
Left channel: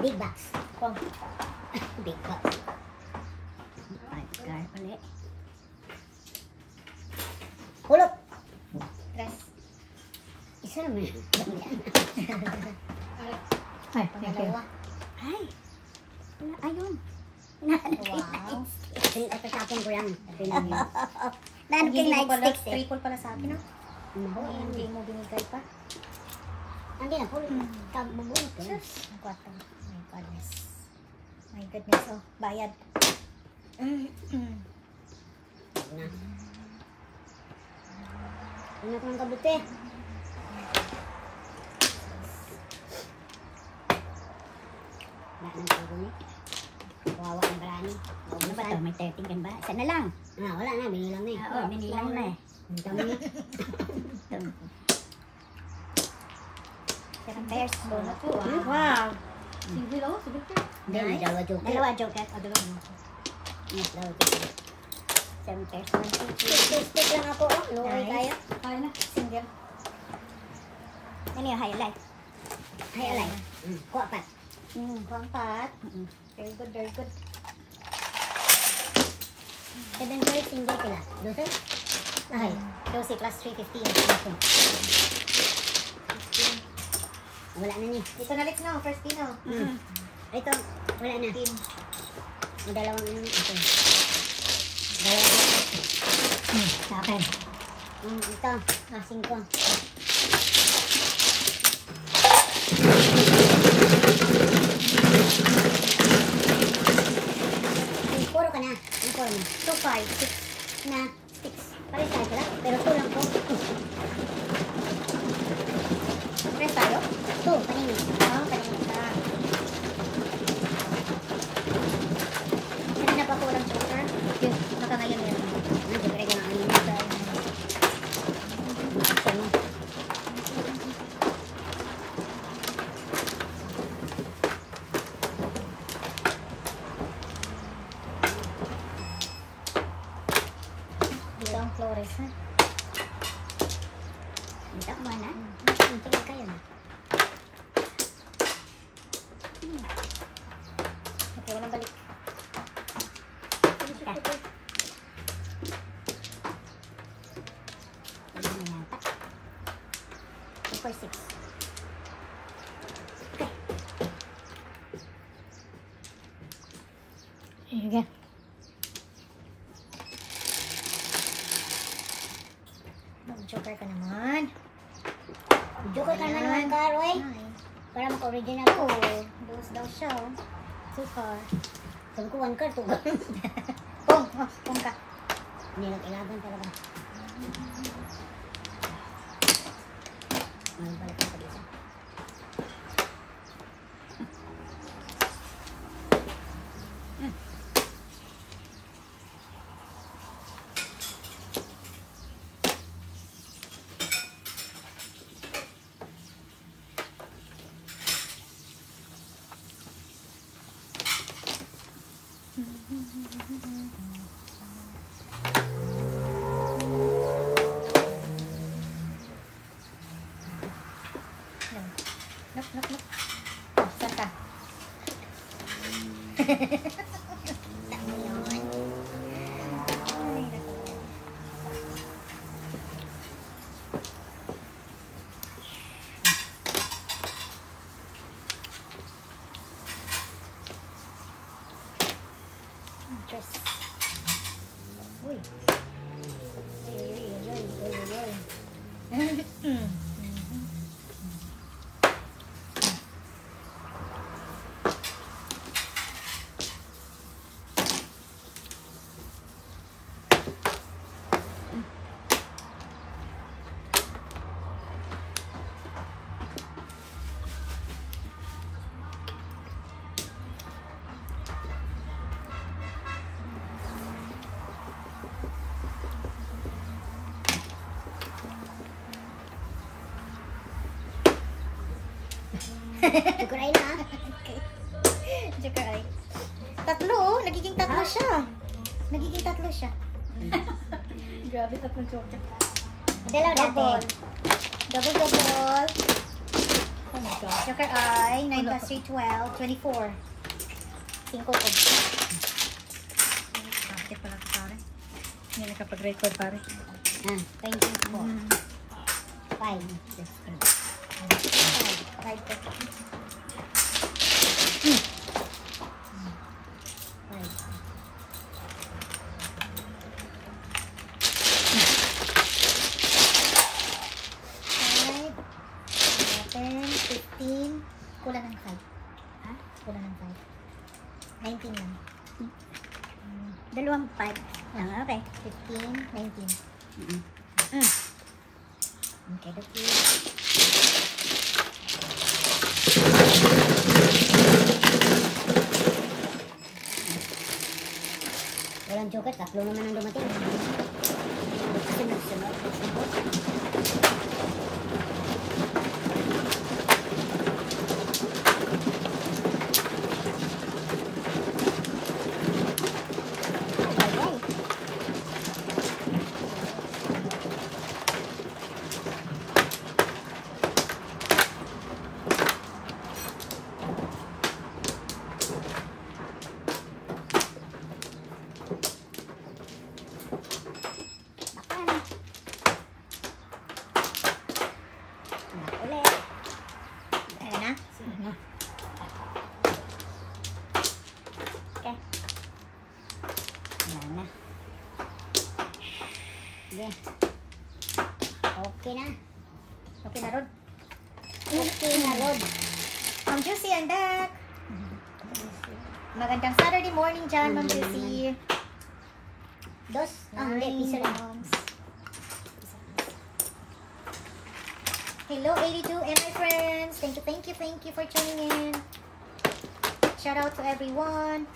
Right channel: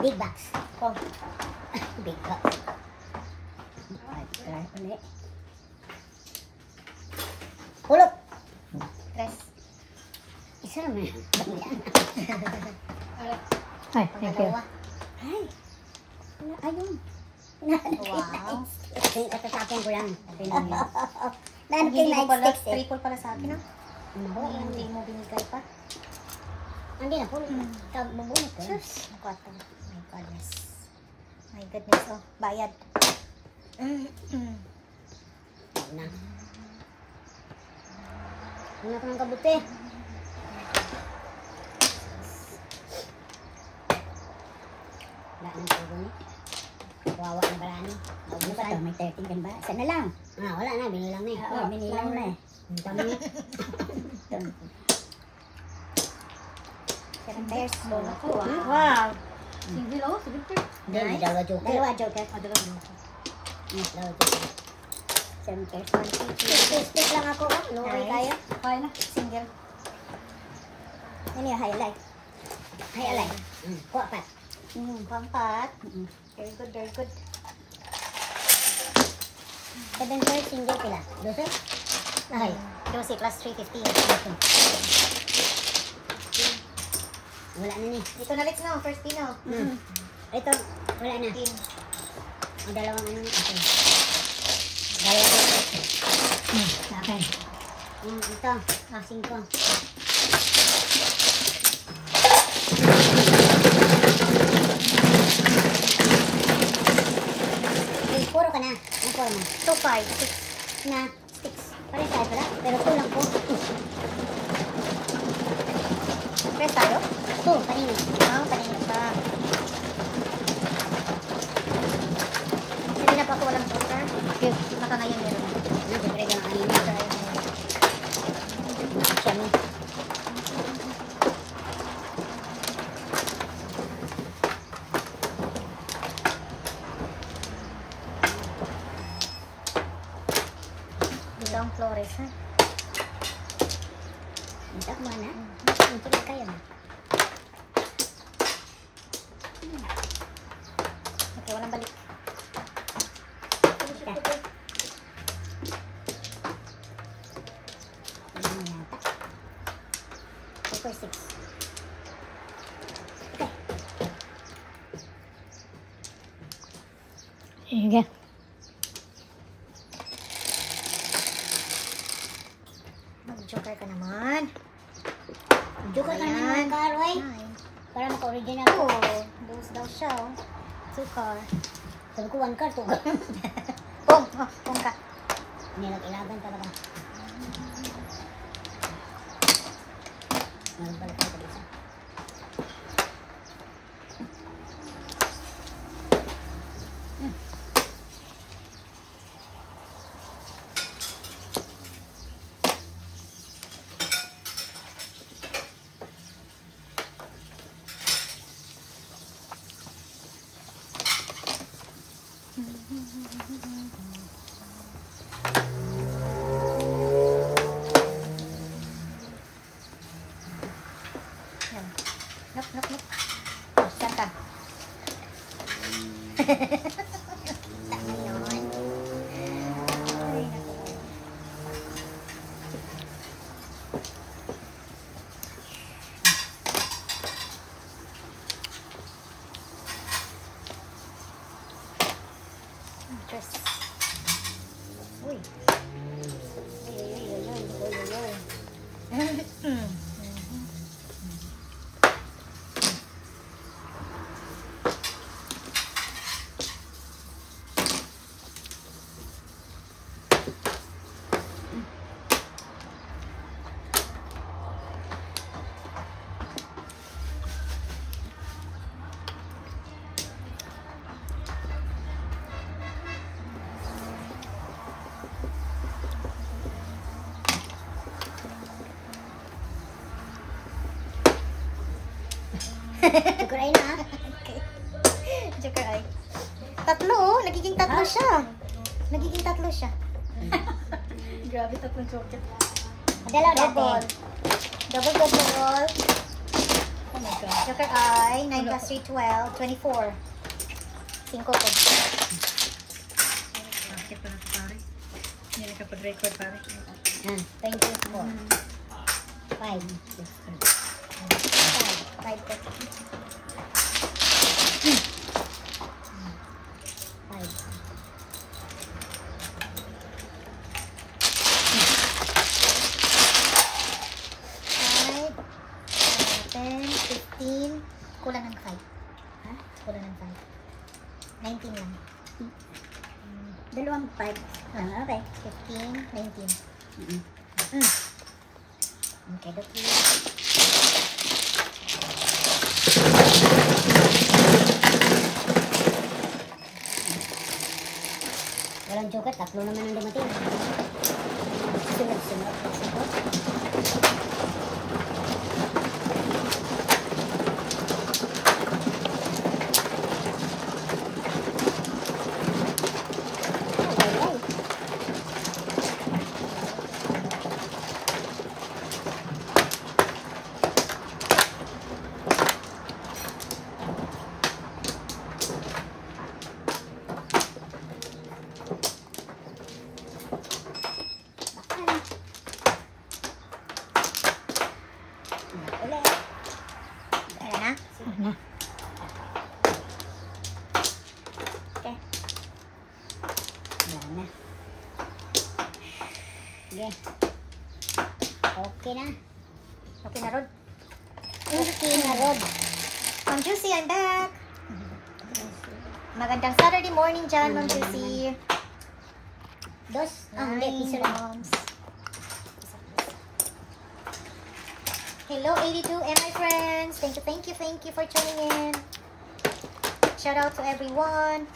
Big box. Oh, Big box. Hulot. tres. Isa naman. Ay, thank you. Pangalawa. Ay. Ayun. Wow. Tatatapon ko lang. Okay lang yun. Hindi mo Night pala, sticks eh. triple pala sa akin ah. Maho, Hindi mo binigay pa. Hindi na po. Bubunot ko lang. Ang kwarto. My goodness. My goodness. Oh, bayad. Na. Una ko ng kabuti. Wala nang puro ni. Kawawa na barani. Naubusan. May 13 kan ba? Isa na lang. Wala na. Binilang na eh. Oo, binilang na eh. Ang dami eh. Seven pairs. Bonus ko. Wow. Sige, oh, sige. Hindi, may dalawa joker. Dalawa joker. Dalawa joker. 7 pairs. Stick lang ako. Luwi kayo. Kaya na. Single. Ano yung highlight? Ay, alay. Kuha pat. Pampat. Very good, very good. 7 pairs, single pila. 12? Ay. 12 plus 315. Wala na ni. Dito na, Lex na. First pin oh. Ito, wala na. Pin. O, dalawang ano. Okay. Dalawa joker. Sa akin. Ito. 5. Puro ka na. Ang puro mo. 2, 5, 6. Na. Pares tayo pala. Pero 2 lang po. Yes, tayo? 2, kanina. Wow, kanina pa. Kanina pa ako walang joker. Okay. Naka ngayon meron. Joker ka na kanina. Action mo. Dito ang Flores, ha? Minta mo na. Minta kayo na. Okay, walang balik. Super 6. Sige. Mag-joker ka naman. Joker ka naman naman ka, Roy. Nine. Para maka-original ko. Oh, those daw siya, oh. 2 car. Sabi ko 1 card, 2 card. Pong! Oh, pong ka. Nilag-ilagan talaga. Meron pala tayo isa. Uy. Uy. Sugar ay na. Joker ay. Tatlo oh. Nagiging tatlo siya. Nagiging tatlo siya. Grabe, tatlong chocolate. Dalaw Double. dati. Double double. Oh my God. Joker ay. 9 plus 3, 12. 24. 5 po. Bakit pala ito, pare? Hindi nakapag-record, pare. 24. 5. 5 po. 5. 15. Kulang ng 5. Ha? Kulang ng 5. 19 lang. Dalawang 5. Okay. 15, 19. Okay, that's it. Walang joker, tatlo naman ang dumating. Sunod-sunod. Ayan na. Okay. Wala na. Sige. Okay na. Okay na, Rod. Okay na, Rod. Ma'am Juicy, I'm back. Magandang Saturday morning dyan, Ma'am Juicy. Dos. Hindi, piso lang. Moms. Hello, 82 and my friends. Thank you for tuning in. Shout out to everyone.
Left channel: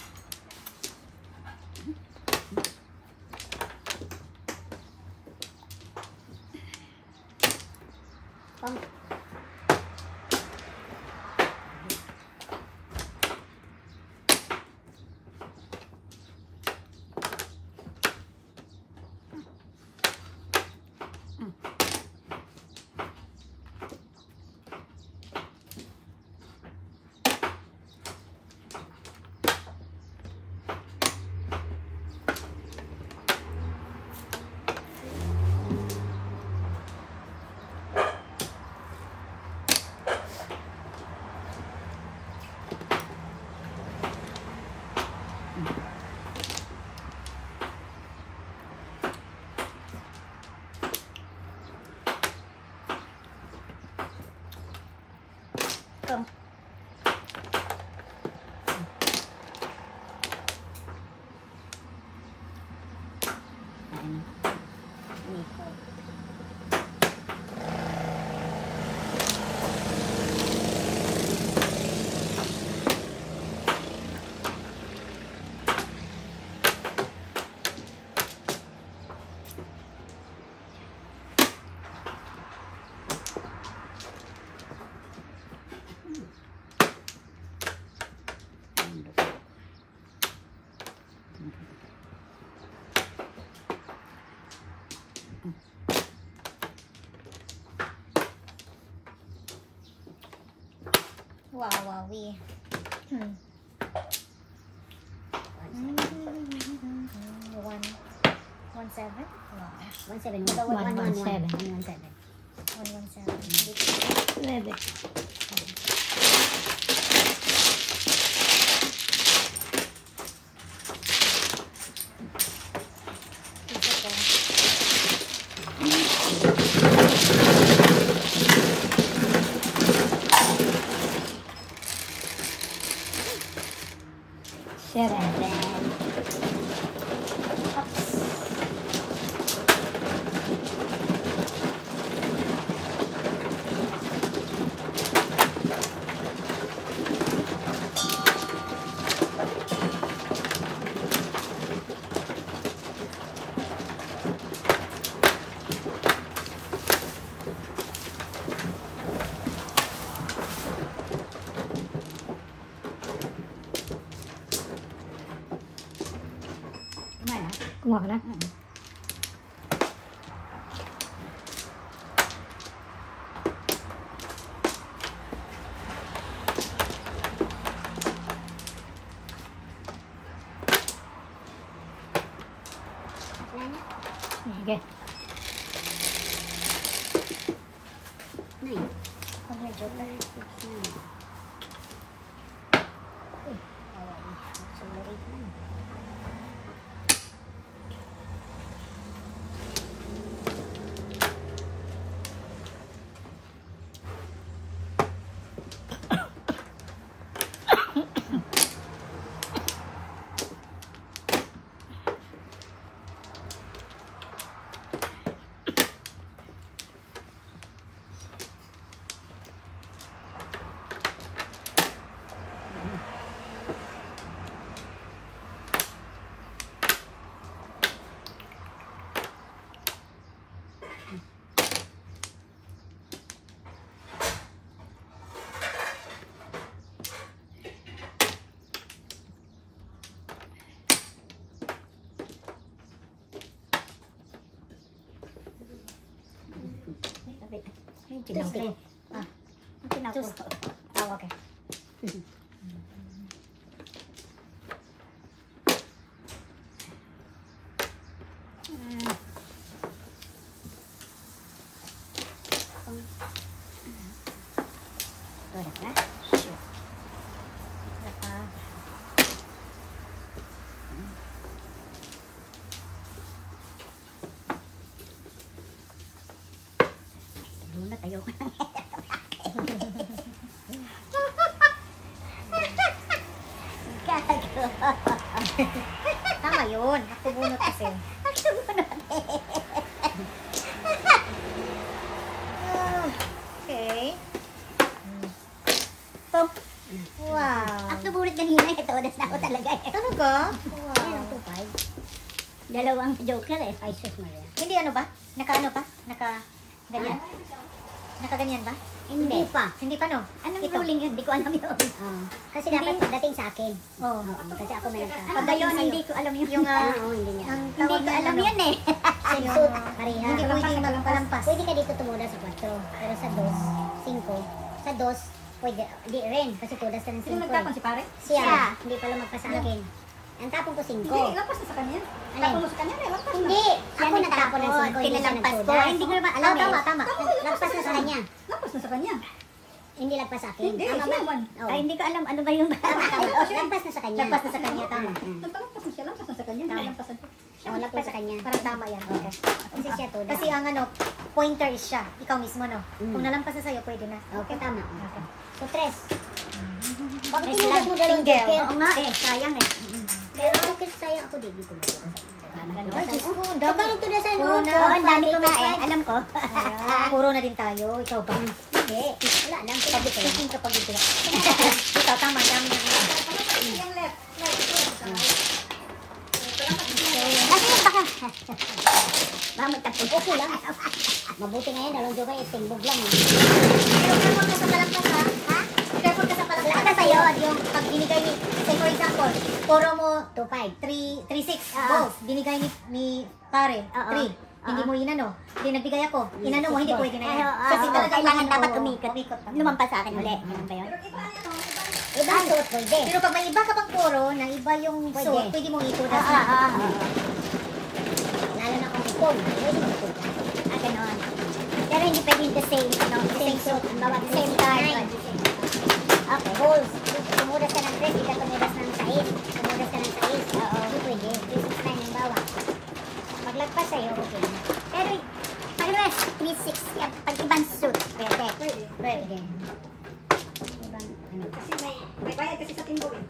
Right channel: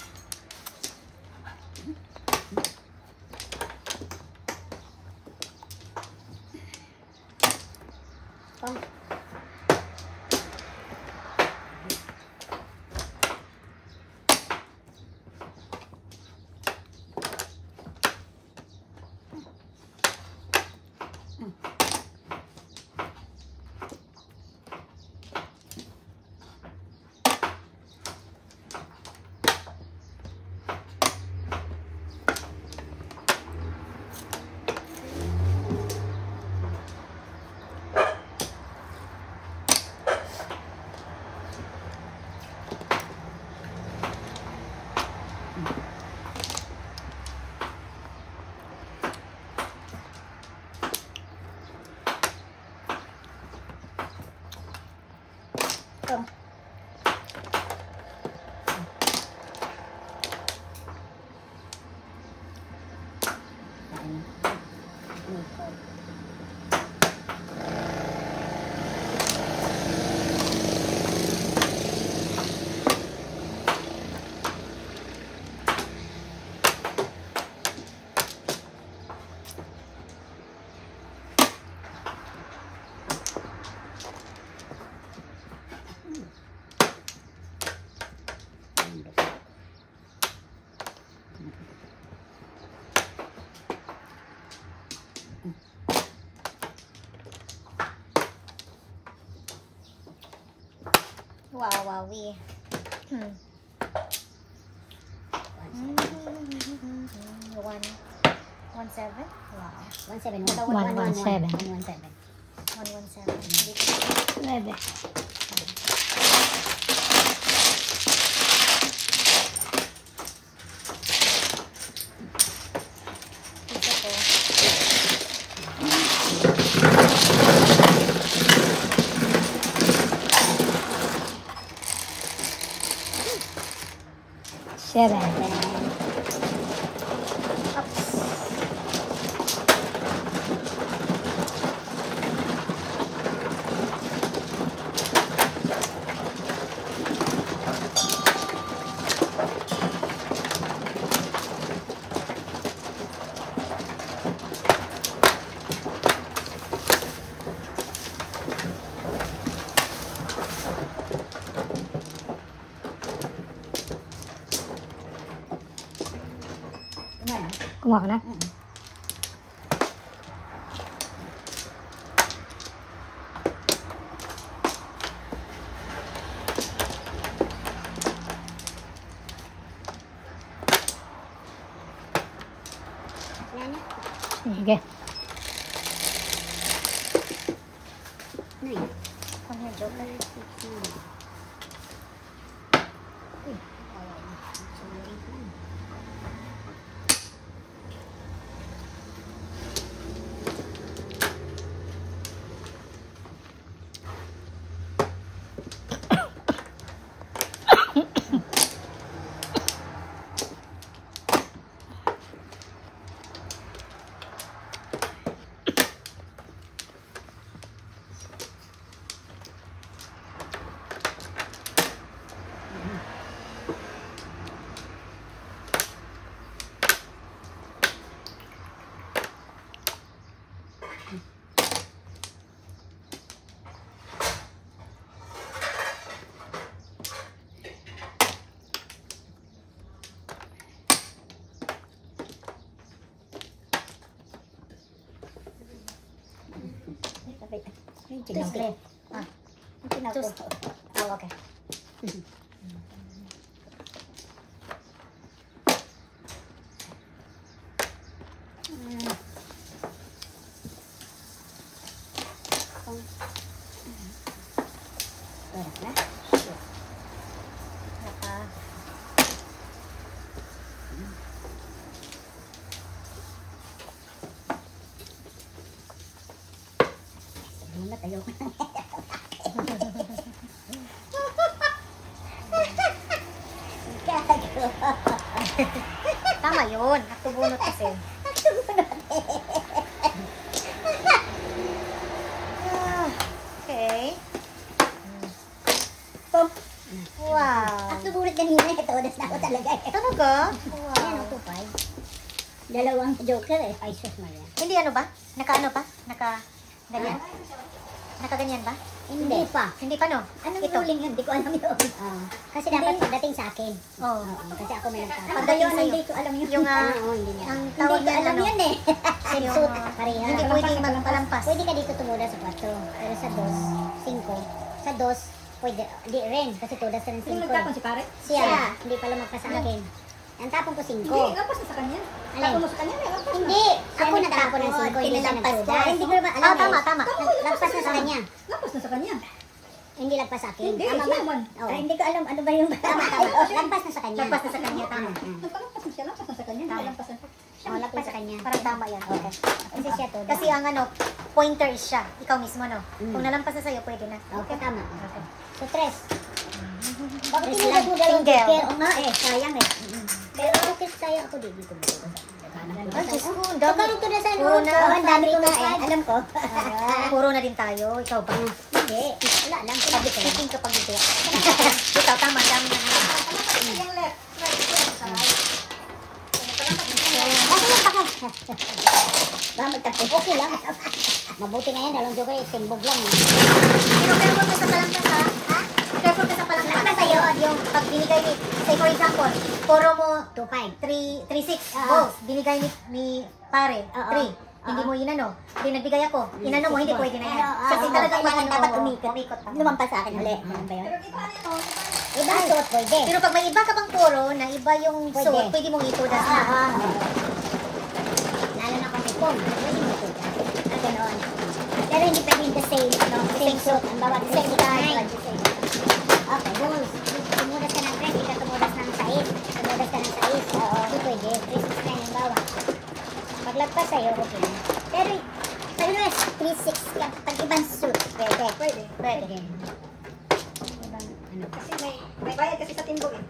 Pang. Come. Wow, wowie. 117? Wow. 171. 117. 117. 117. 11. Kumuha ka na? Sige. Come here, Joker. Uy, accelerate man. Tuesday. Tuesday. Oh, okay. Tama yun. Ako bunot kasi. Okay. Wow. Ako bunot kanina, ito oras na ako talaga. Talaga? Wow. Ayan, 2.5. Dalawang Joker eh. Ay, sus Maria. Hindi ano ba? Naka-ano pa? Naka-ganyan? Naka-ganyan ba? Hindi pa. Hindi pa no? Anong Ito. ruling yun? Hindi ko alam yun. Kasi dapat pagdating sa akin. Oo. Kasi ako may nagtapos. Pag yun, Hindi ko alam yun. Yung, Oo, hindi niya. ang Hindi tawag ko na alam ano? yun eh. Yung, Sensut, pareha. Hindi pwedeng magpalampas. Pwede ka dito tumuda sa 4. Pero sa 2, 5. Sa 2, pwede. Di rin. Kasi tudas na ng 5. Sino nagtapon si pare? Siya. Hindi pala magpa sa akin. Ang tapon ko 5. Hindi, lampas na sa kanya. Alin? Tapon mo sa kanya, lampas na. Hindi. Ako nagtapon ng 5. Hindi siya nagtudas. Hindi ko naman alam. Tama. Lagpas na sa kanya. Lampas na sa kanya. Hindi lagpas sa akin. Hindi, Tama ba? naman. Oo. Ay, hindi ko alam ano ba yung tama. Lagpas na sa kanya. Lagpas na sa kanya, tama. Nagpalampas na siya, lampas na sa kanya. Hindi lampas na siya. Oo, lagpas sa kanya. Parang tama yan. Okay. Kasi siya to. Kasi ang ano, pointer is siya. Ikaw mismo, no? Kung nalampas na sa'yo, pwede na. Okay, tama. Okay. So, 3. Bakit tinudas mo dalawang Finger. joker? Oo nga eh, sayang eh. Dalawang joker sayang ako, di ko matudasan. Ay, Diyos ko, ang Ikaw dami. nagtudasan, Oo oh. na, Ang dami ko nga eh. Alam ko. Puro na din tayo. Ikaw ba? Hindi. Wala lang. Sabi ko, tingin kapag ito. Ikaw, tama. Dami na. Yung left. Baka magtapos. Okay lang. Mabuti nga yan, dalawang joker, timbog lang. Pero careful ka sa palampas, ha? Careful ka sa palampas. Palampas sa'yo. Yung pag binigay ni, say for example, puro mo 2-5. 3-6 Oo. balls. Binigay ni pare, Oo. 3. Hindi mo inano. Hindi nagbigay ako. Inano mo, hindi pwede na yan. Kasi talagang kailangan maganda dapat ko. umikot. Lumampas sa akin ulit. Ano ba yun? Pero iba ano, Ibang suot, pwede. Pero pag may iba ka pang puro, na iba yung Pwede. suot, pwede mong itudas na. Lalo na kung ipon. Pwede mo ito. Ganon. Pero hindi pwedeng the same. No? Same suot. Ang bawat same 9. Okay, holes. Tumudas ka ng 3, hindi ka tumudas ng 6. Tumudas ka ng 6. Oo, hindi pwede. 3, 6, 9 ang bawat. Paglagpas sa'yo, okay. Pero, pag naman, 3, 6, yan. Pag ibang suit. Pwede. pwede. Pwede. Ibang, ano. Kasi may bayad kasi sa timbog eh.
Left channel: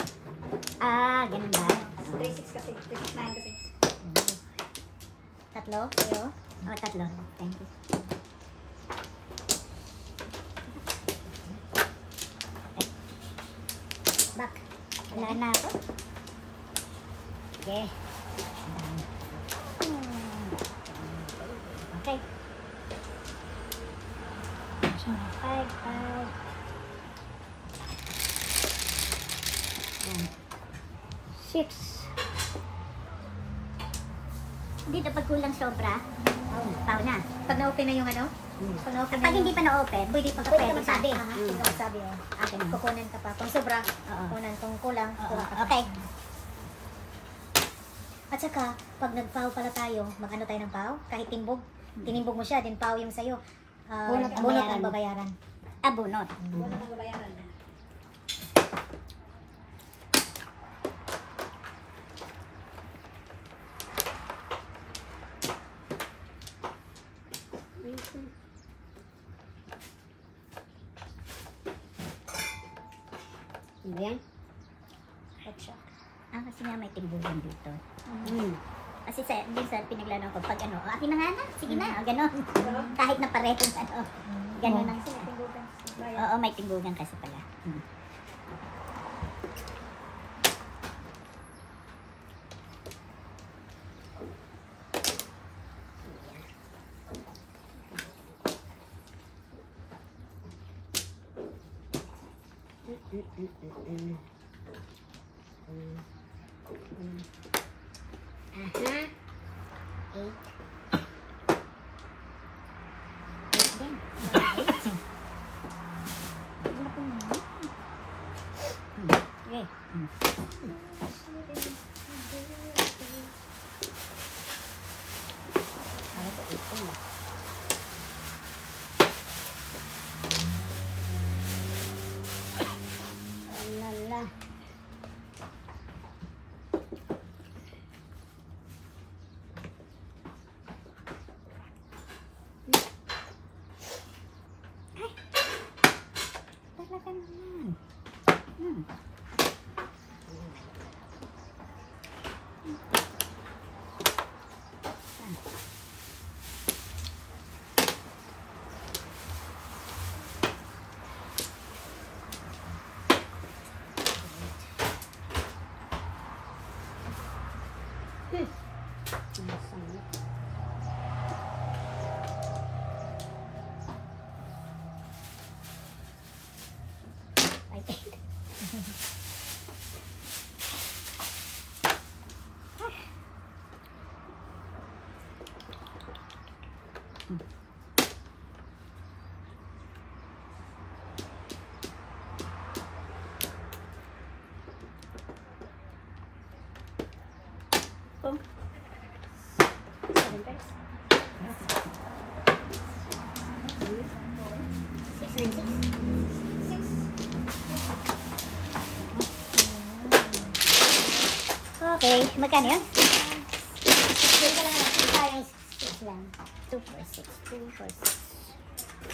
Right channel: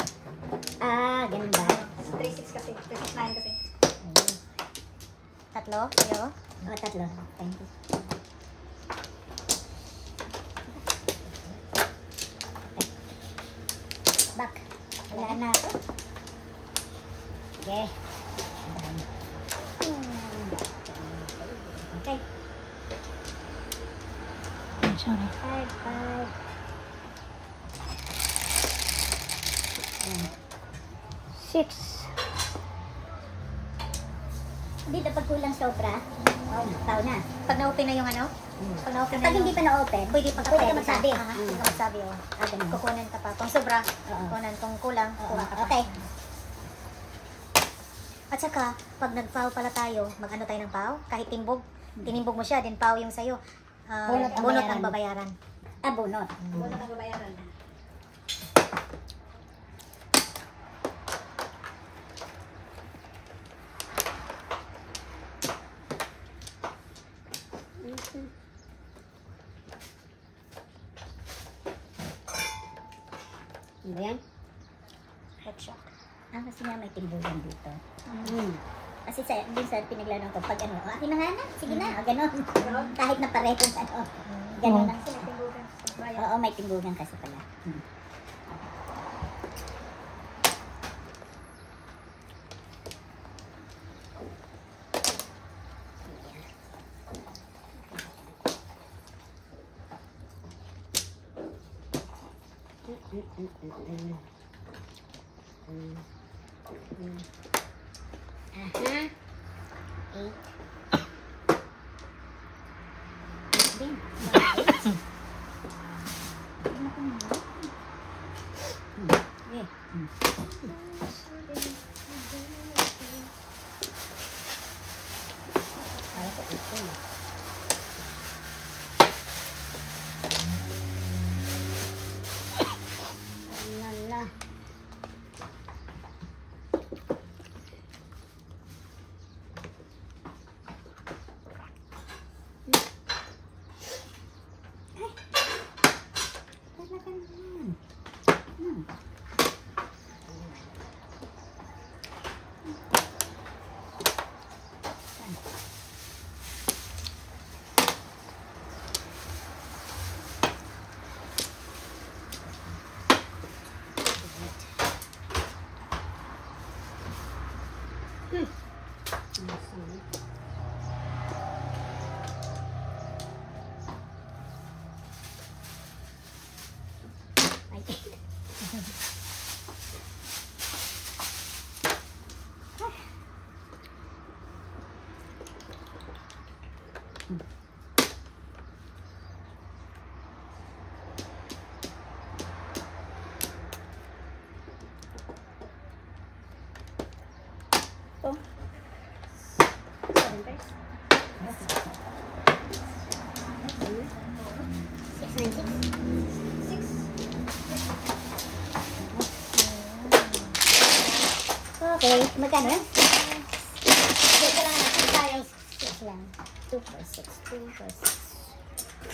Ah, ganun ba? 3-6 kasi. 3-6-9 kasi. Tatlo, kayo. O, 3. Thank you. Back. Wala na ako. Okay. Okay. 5. 6. Hindi dapat kulang sobra. Pau na. Pag na-open na yung ano? Pag na-open Pag na hindi pa na-open, pwede pa pwede ka magsabi. Pwede ka magsabi, oh. Ganun. Kukunan ka pa. Kung sobra, Oo. kukunan. Kung kulang, kuha ka pa. Okay. At saka, pag nag-foul pala tayo, mag-ano tayo ng foul? Kahit timbog, tinimbog mo siya, then foul yung sa'yo. Bunot ang bunot bayaran. ang babayaran. Bunot. Wala nang babayaran na. Ano ba yan? Headshot. Kasi nga may tinggugan dito. Kasi din sa pinaglalang ko, pag ano, akin na nga na, sige na, gano'n. Kahit na paretong ano, gano'n lang sila. Oo, may tinggugan kasi pala. Aha. 8. Din. Para ko ito. Lala. Talaga naman. Masama. Ay, oh. 7 pairs. 696. Okay, magkano yun? Dito lang natin. Parang 6 lang. 2, 4, 6. 2, 4, 6.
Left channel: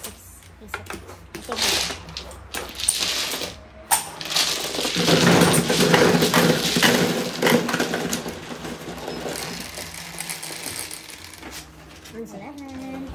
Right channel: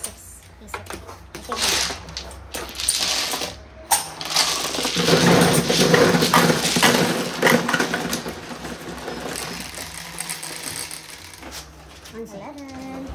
6. Isa pa. Okay. Ang salamat.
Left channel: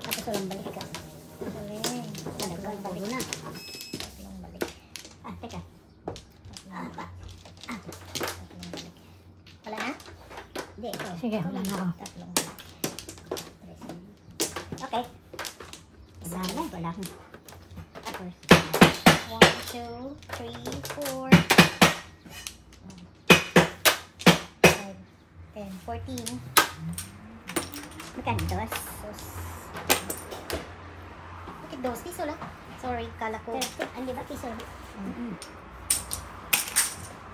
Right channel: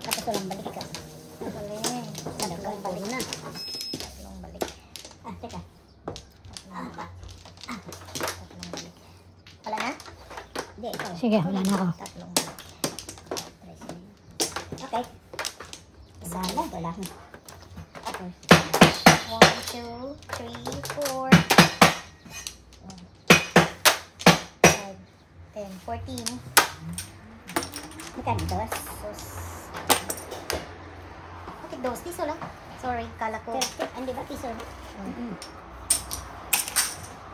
Tapos walang balik ka. Madagal pa muna. Tatlong balik. Teka. Tatlong balik. Wala na? Hindi, ikaw. Sige, Ikaw wala lang. na ako. Tatlong balik. Okay. Isa lang. Wala. 1, 2, 3, 4, 5, 10, 14. Magkano dos? Dos. Bakit dos? Piso lang. Sorry, kala ko. 30. Hindi ba piso?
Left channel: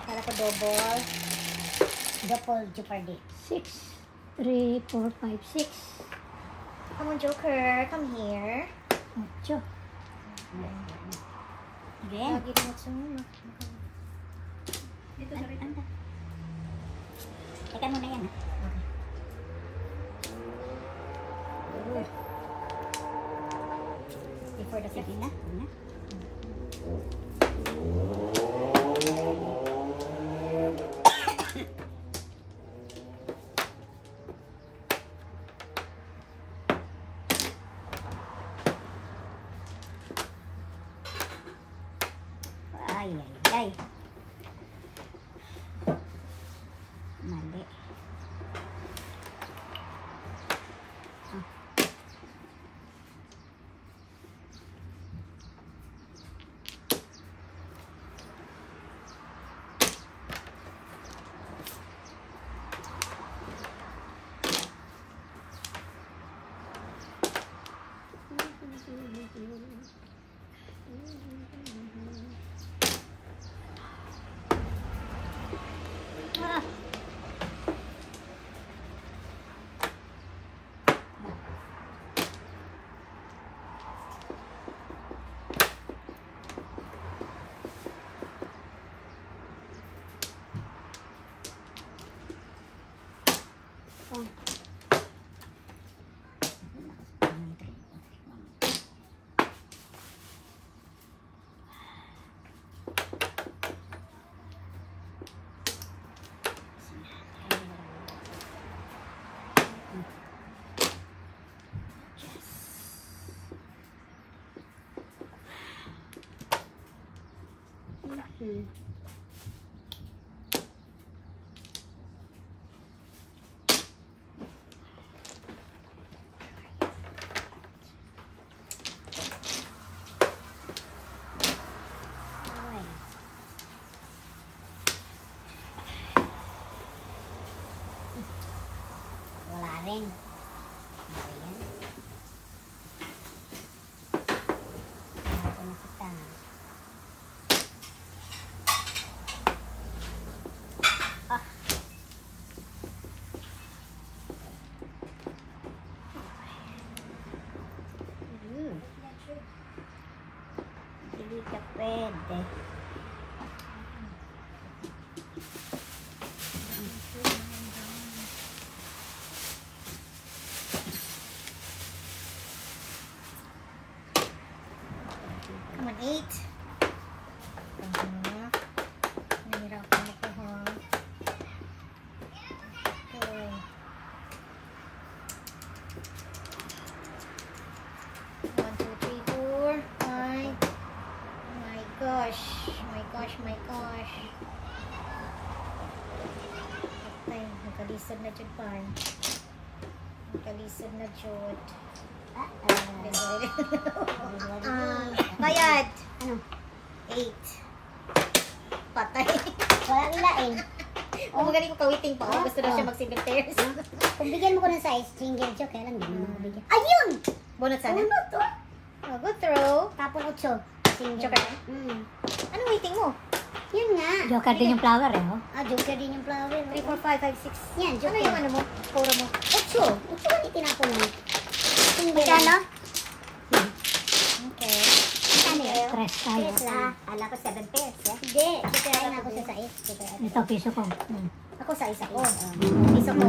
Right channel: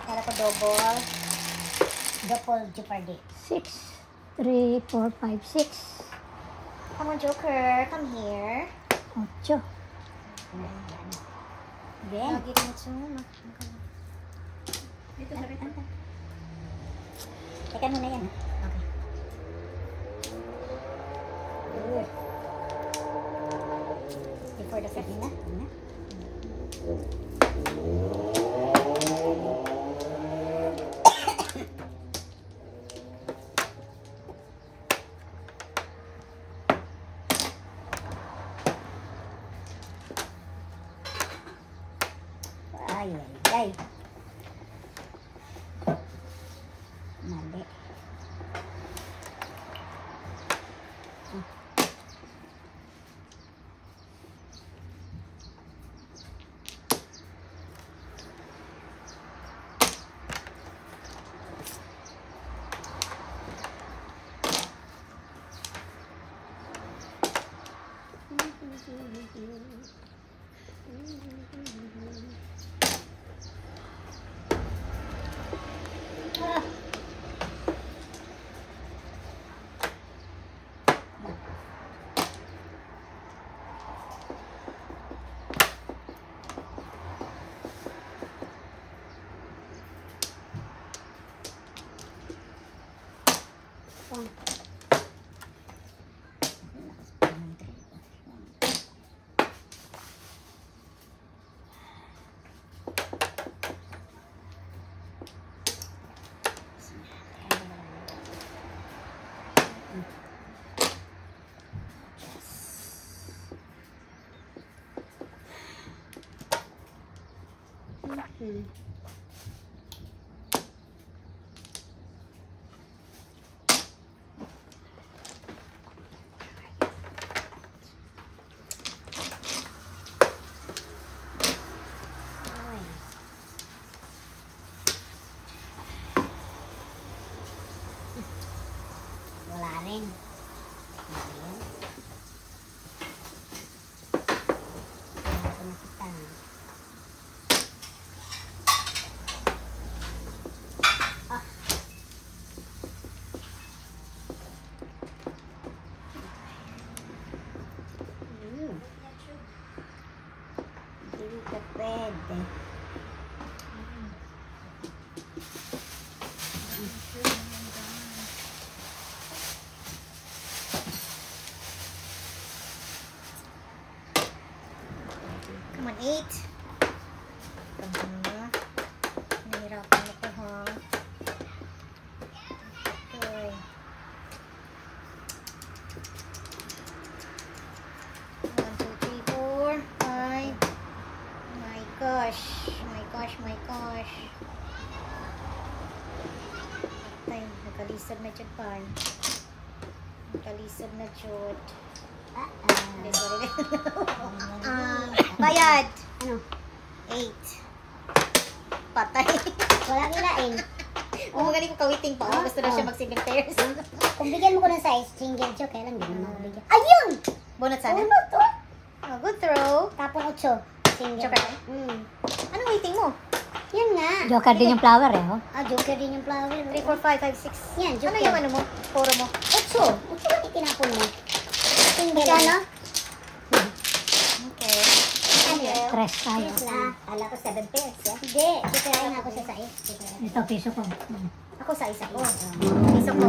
Kala ko double. Double jeopardy. 6, 3, 4, 5, 6. Come on, Joker. Come here. 8. Again. Lagi mo sumama. Dito sa rin. Teka muna yan. Okay. Before the second na. Wala rin. Ayan. Ako na kita. Hindi ka pwede. Come on, 8. Nahirapan ako, ha? Okay. 1, 2, 3, 4, 5. My gosh. My gosh, my gosh. Okay, nagkalisod na dyan pa. Nagkalisod na dyan. Bayad. Ano? 8. Patay. Wala nilain. Oh, magaling ko kawiting pa. Gusto na siya mag-single pairs. Kung bigyan mo ko ng size, single joke, kaya lang din mo mabigyan. Ayun! Bunot sana. Uno to. Oh, good throw. Tapon 8. Single. Joker ba? Anong waiting mo? Yan nga. Joker din yung flower eh. Oh. Joker din yung flower. 3, 4, 5, 5, 6. Yan, joker. Ano yung ano mo? Puro mo? 8. 8 ba itinapon mo? Single ano? Okay. Ano yun? Tres tayo. Tres lang. Ala ko 7 pairs. Hindi. Kikirain nga ako sa size. Ito, piso ko. Ako sa isa. Oh. Piso ko.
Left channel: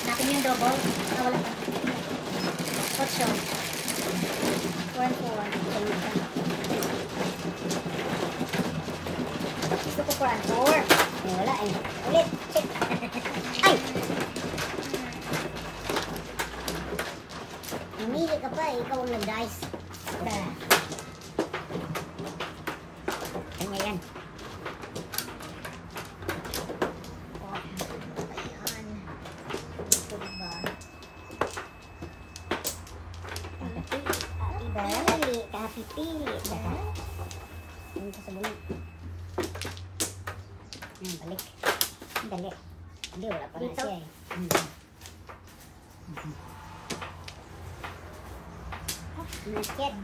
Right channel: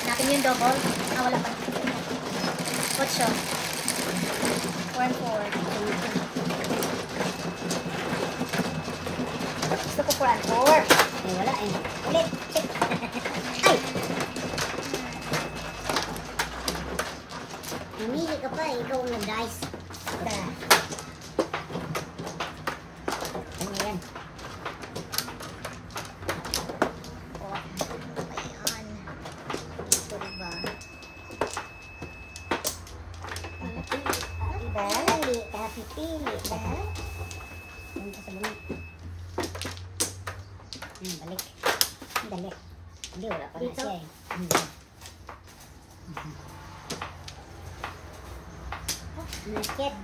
Natin yung double. Wala pa. What's show? 1, 4. Gusto ko 4. Wala eh. Ulit. Check. Ay! Mamili ka pa. Ikaw ang nag-dice. Ano yan? Pipili. Punta sa bunga. Balik. Dali. Hindi, wala pa na siya eh. Nasket.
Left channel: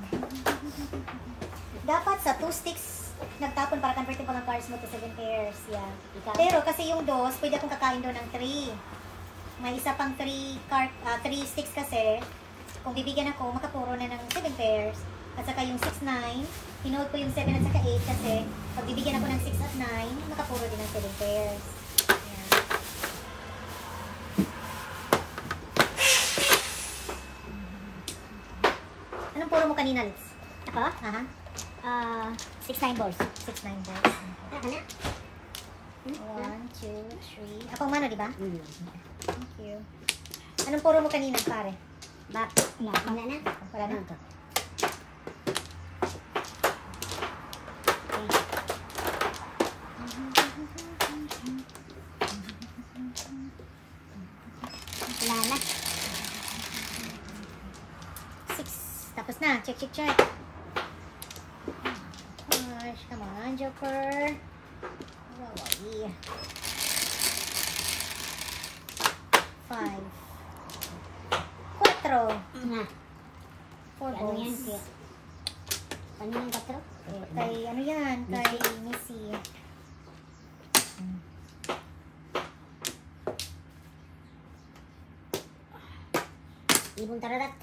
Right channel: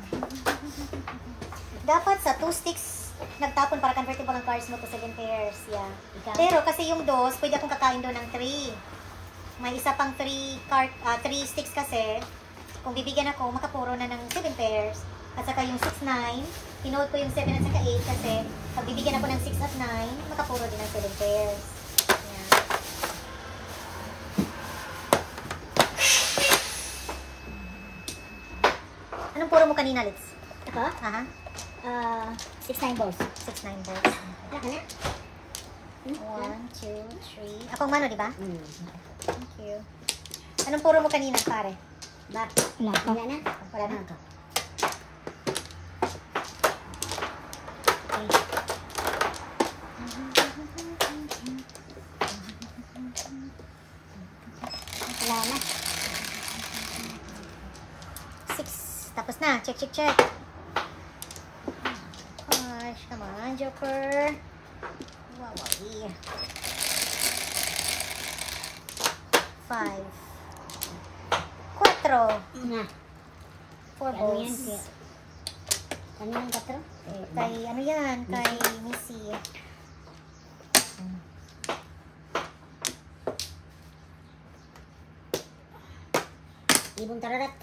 Dapat sa 2 sticks nagtapon para convertible ang cards mo to 7 pairs. Yeah. Pero kasi yung dos, pwede akong kakain doon ng 3. May isa pang 3 sticks kasi. Kung bibigyan ako, makapuro na ng 7 pairs. At saka yung 6, 9, pinold ko yung 7 at saka 8 kasi pag bibigyan ako ng 6 at 9, makapuro din ng 7 pairs. Yan. Anong puro mo kanina, Litz? Ako? Aha. 6-9 balls. 6, 9 balls. Wala ka na? 1, 2, 3. Akong mano, di ba? Thank you. Anong puro mo kanina, pare? Wala na? Wala na. Na, check, check, check. Gosh, come on, Joker. Wow, wow. 5. 4. Na. 4 Ano yan? balls. Kaya, kaninang 4? Kay, ano yan? Kay Missy. Ibong tararat.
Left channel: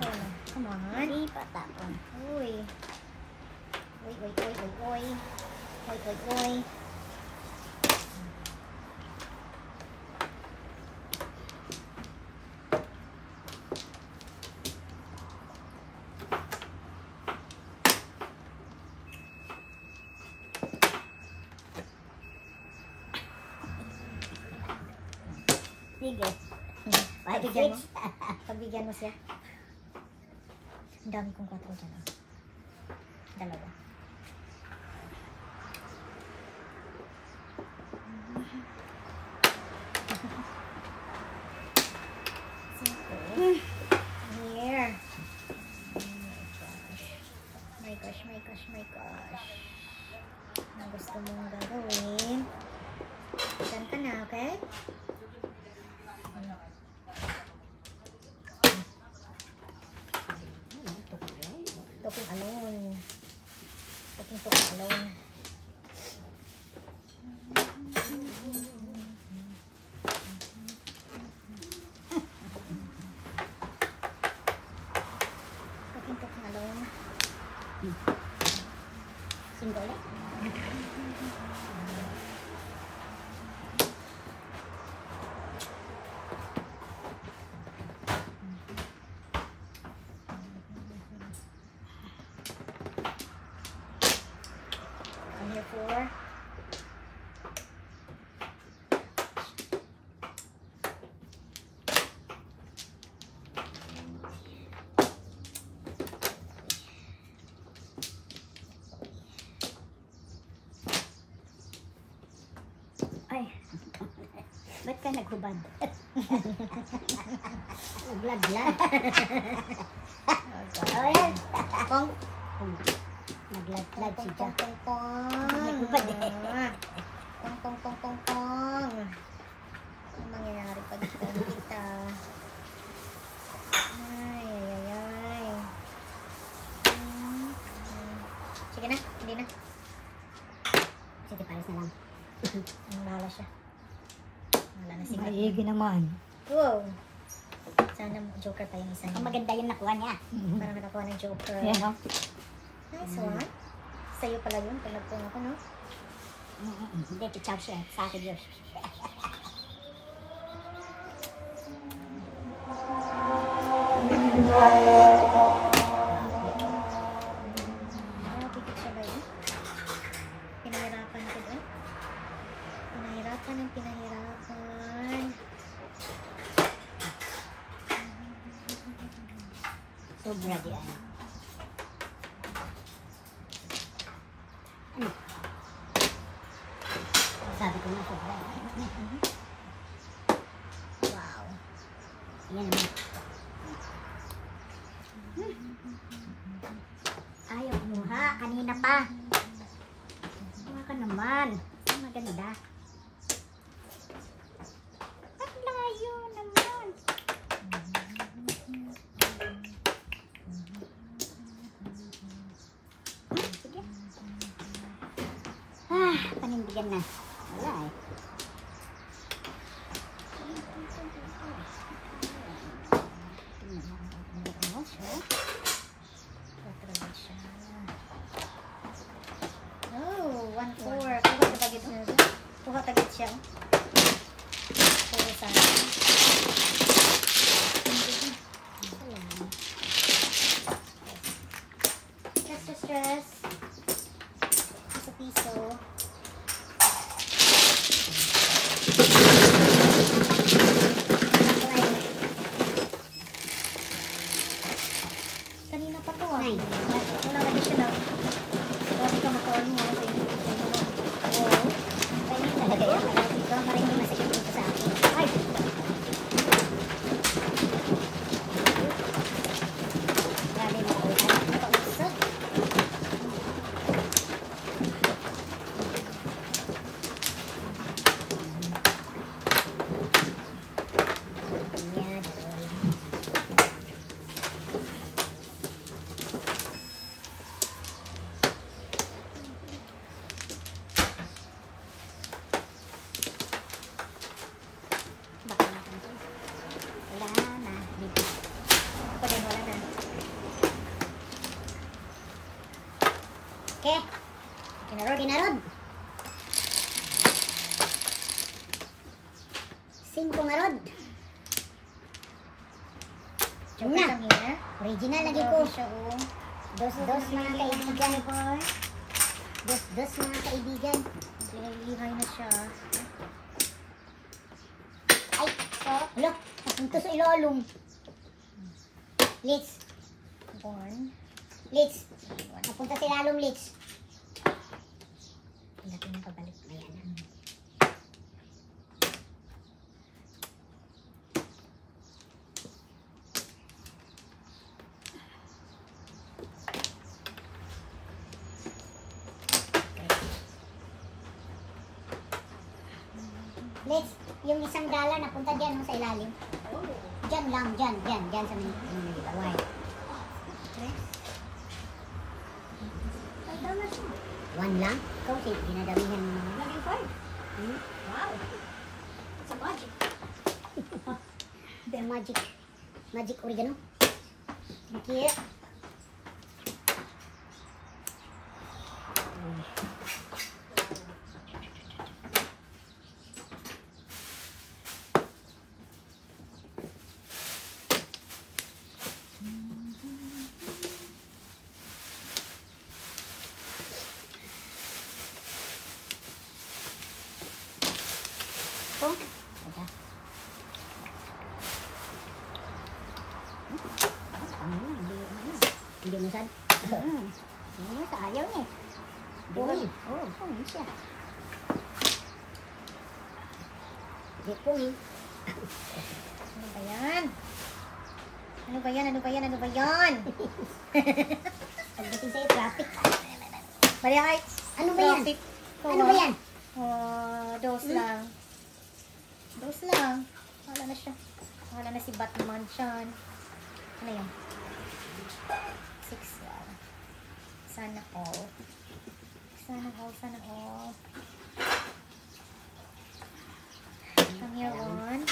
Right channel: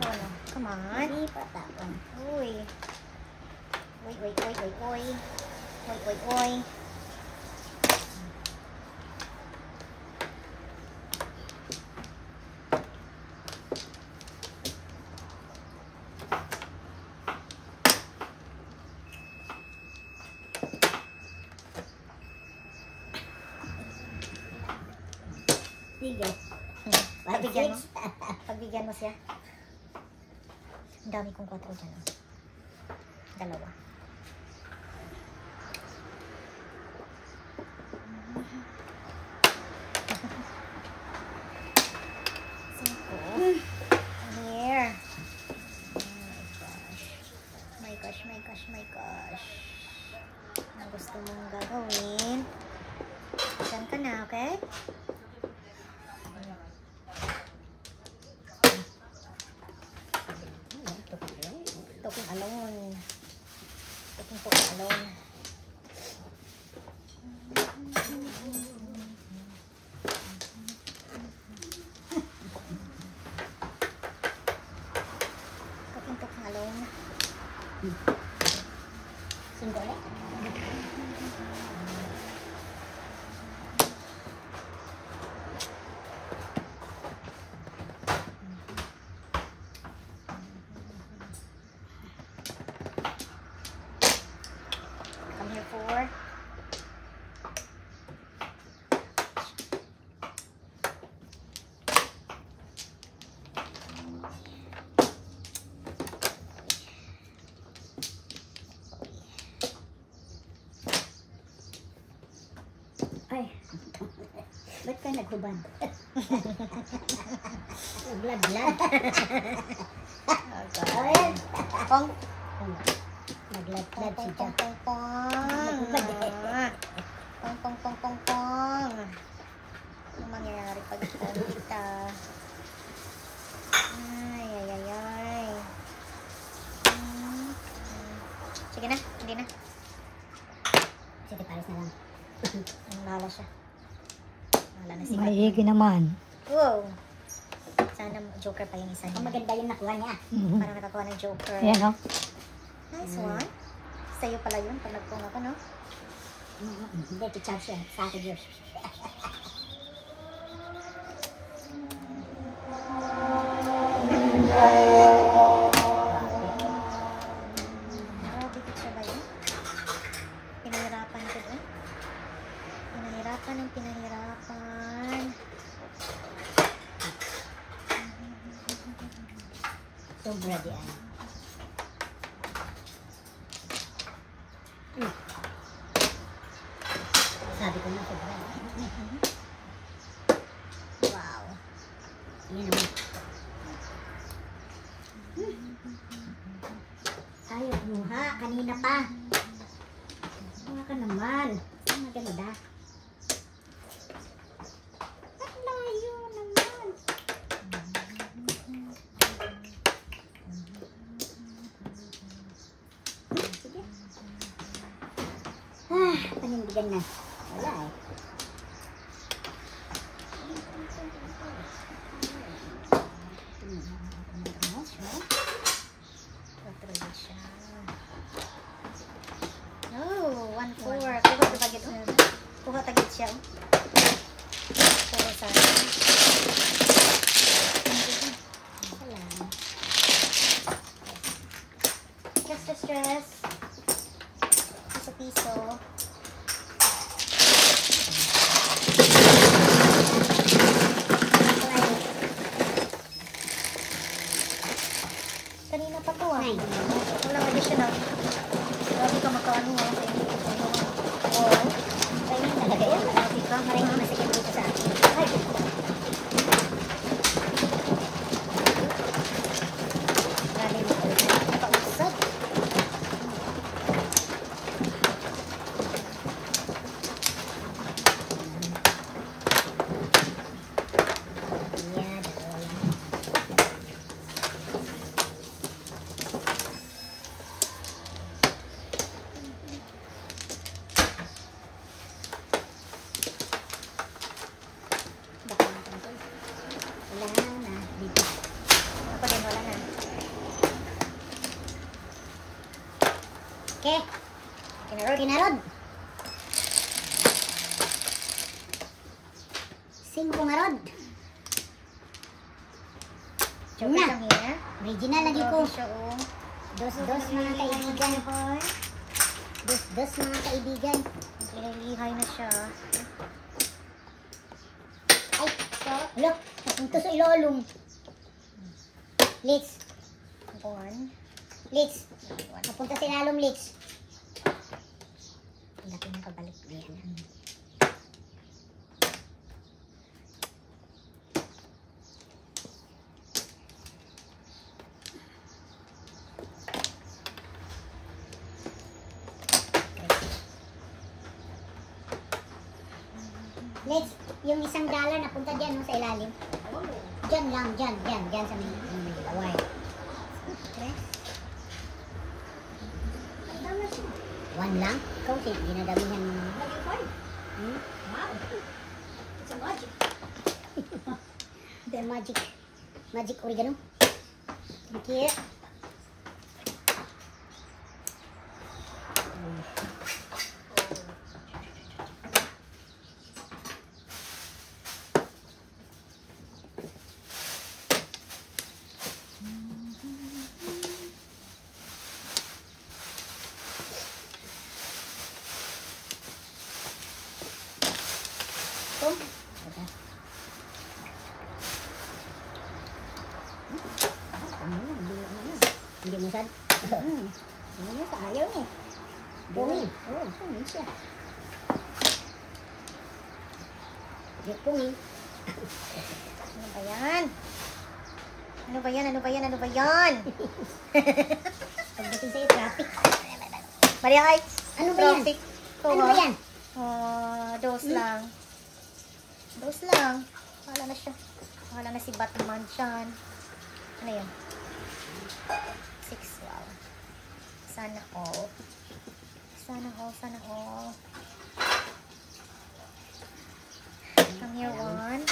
Wala. Come on. Hindi pa tapon. Uy. Uy, uy, uy, uy, uy. Uy, uy, uy. Sige. Pagbigyan mo? Pagbigyan mo siya? Ang dami kong 4 dyan. 2. Cinco. Here. My gosh, my gosh, my gosh. Ano gusto mong gagawin? Diyan ka na, okay? Talking alone. Talking alone. Talking alone. Sunggo ulit. Come here for. Ay. Ba't ka naghubad? Nagladlad. Ayan. Pong. Nagladlad si Pong, Jack. pong, pong, pong. Pong, pong, pong, pong. Ano mangyayari pag kita? Ay, ay, ay, ay. Sige na, hindi na. Sige, pares na lang. Nalala siya. Wala na siya. Maigi naman. Wow. Sana joker pa yung isa Ang niya. maganda yung nakuha niya. Para nakakuha ng joker. Ayan, oh. Nice one. Sa'yo pala yun pag nagpunga ka, no? Hindi, pichaw siya. Sa akin yun. Oh, bigit siya ba yun? Pinahirapan ko din. Pinahirapan ang pinahirapan. Sobra di ano. Ano? Sabi ko nga sobra. Wow. Yan naman. Ayaw mo ha. Kanina pa. Ano ka naman? Ang maganda. Ang layo naman. Sige. Panindigan na. Wala eh. Oh, 1-4. Kuha tagit siya. Kuha tagit siya. Kuha sa. Salam. Stress. Piso-piso. Kanina pa to ah. Nine. Wala ka siya na. Grabe ka makaano ah. Oo. Ganyan talaga yan. Para hindi masakit dito sa akin. Grabe mo ulitan. Nakausap. Yeah, dalawa lang. Baka matangkol. Wala na. Dito. Ako din wala na. Okay. Kinarod. 5 nga rod. Chocolate Na. lang hiya. Original lagi ko. Grabe siya oh. Dos mga kaibigan. Dos mga kaibigan. Lihay na siya. Ay, alo, napunto sa ilolong. Litz, One. Litz. Napunta sa ilalong Litz. Ang laki ng kabalik. Ayan. Let's, yung $1 napunta dyan no, sa ilalim. Dyan lang, dyan sa may laway. One lang? Ikaw si ginadamihan mo naman. Hmm? Wow. It's a magic. The magic oregano. Thank you. Hindi mo sad? Hindi sa ayaw niya. Pungin. Oo, pungin siya. Hindi pungin. Ano ba yan? Ano ba yan? Ano ba yan? Ano ba yan? Pagdating sa'yo, traffic. Maria Heights. Ano ba yan? Traffic. Ano ba yan? Dos lang. Dos lang. Wala na siya. Wala na si Batman siyan. Ano yan? 6 wow. Sana all. Sana all. Sana all. From here, one.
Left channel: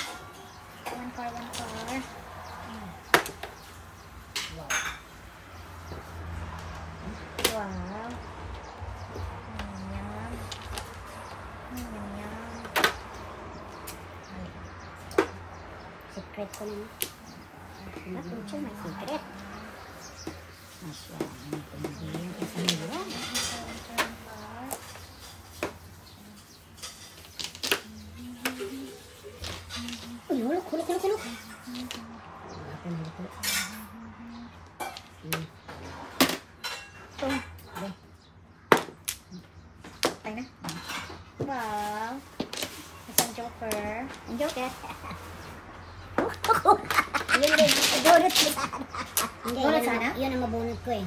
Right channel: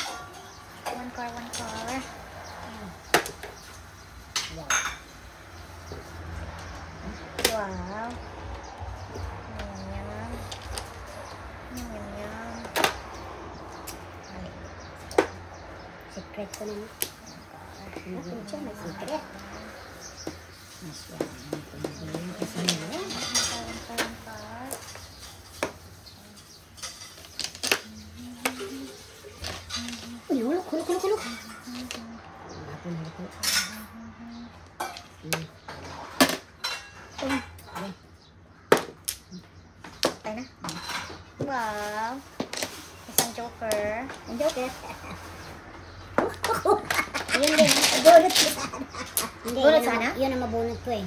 One car. Wow. Wow. Ayan. Ayan. Secret ko na. Ano siya? May secret. Uy, hulok. Hapon, hulok. Okay na? Wow. Isang joker. Ang joker. Yun din, bunot ko. Hindi, Bunot sana? yun ang mabunot ko eh.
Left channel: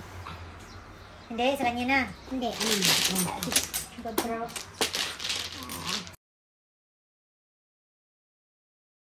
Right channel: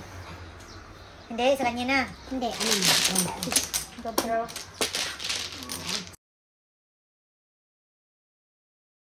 Hindi, sa kanya na. Hindi, ano na. Good throw.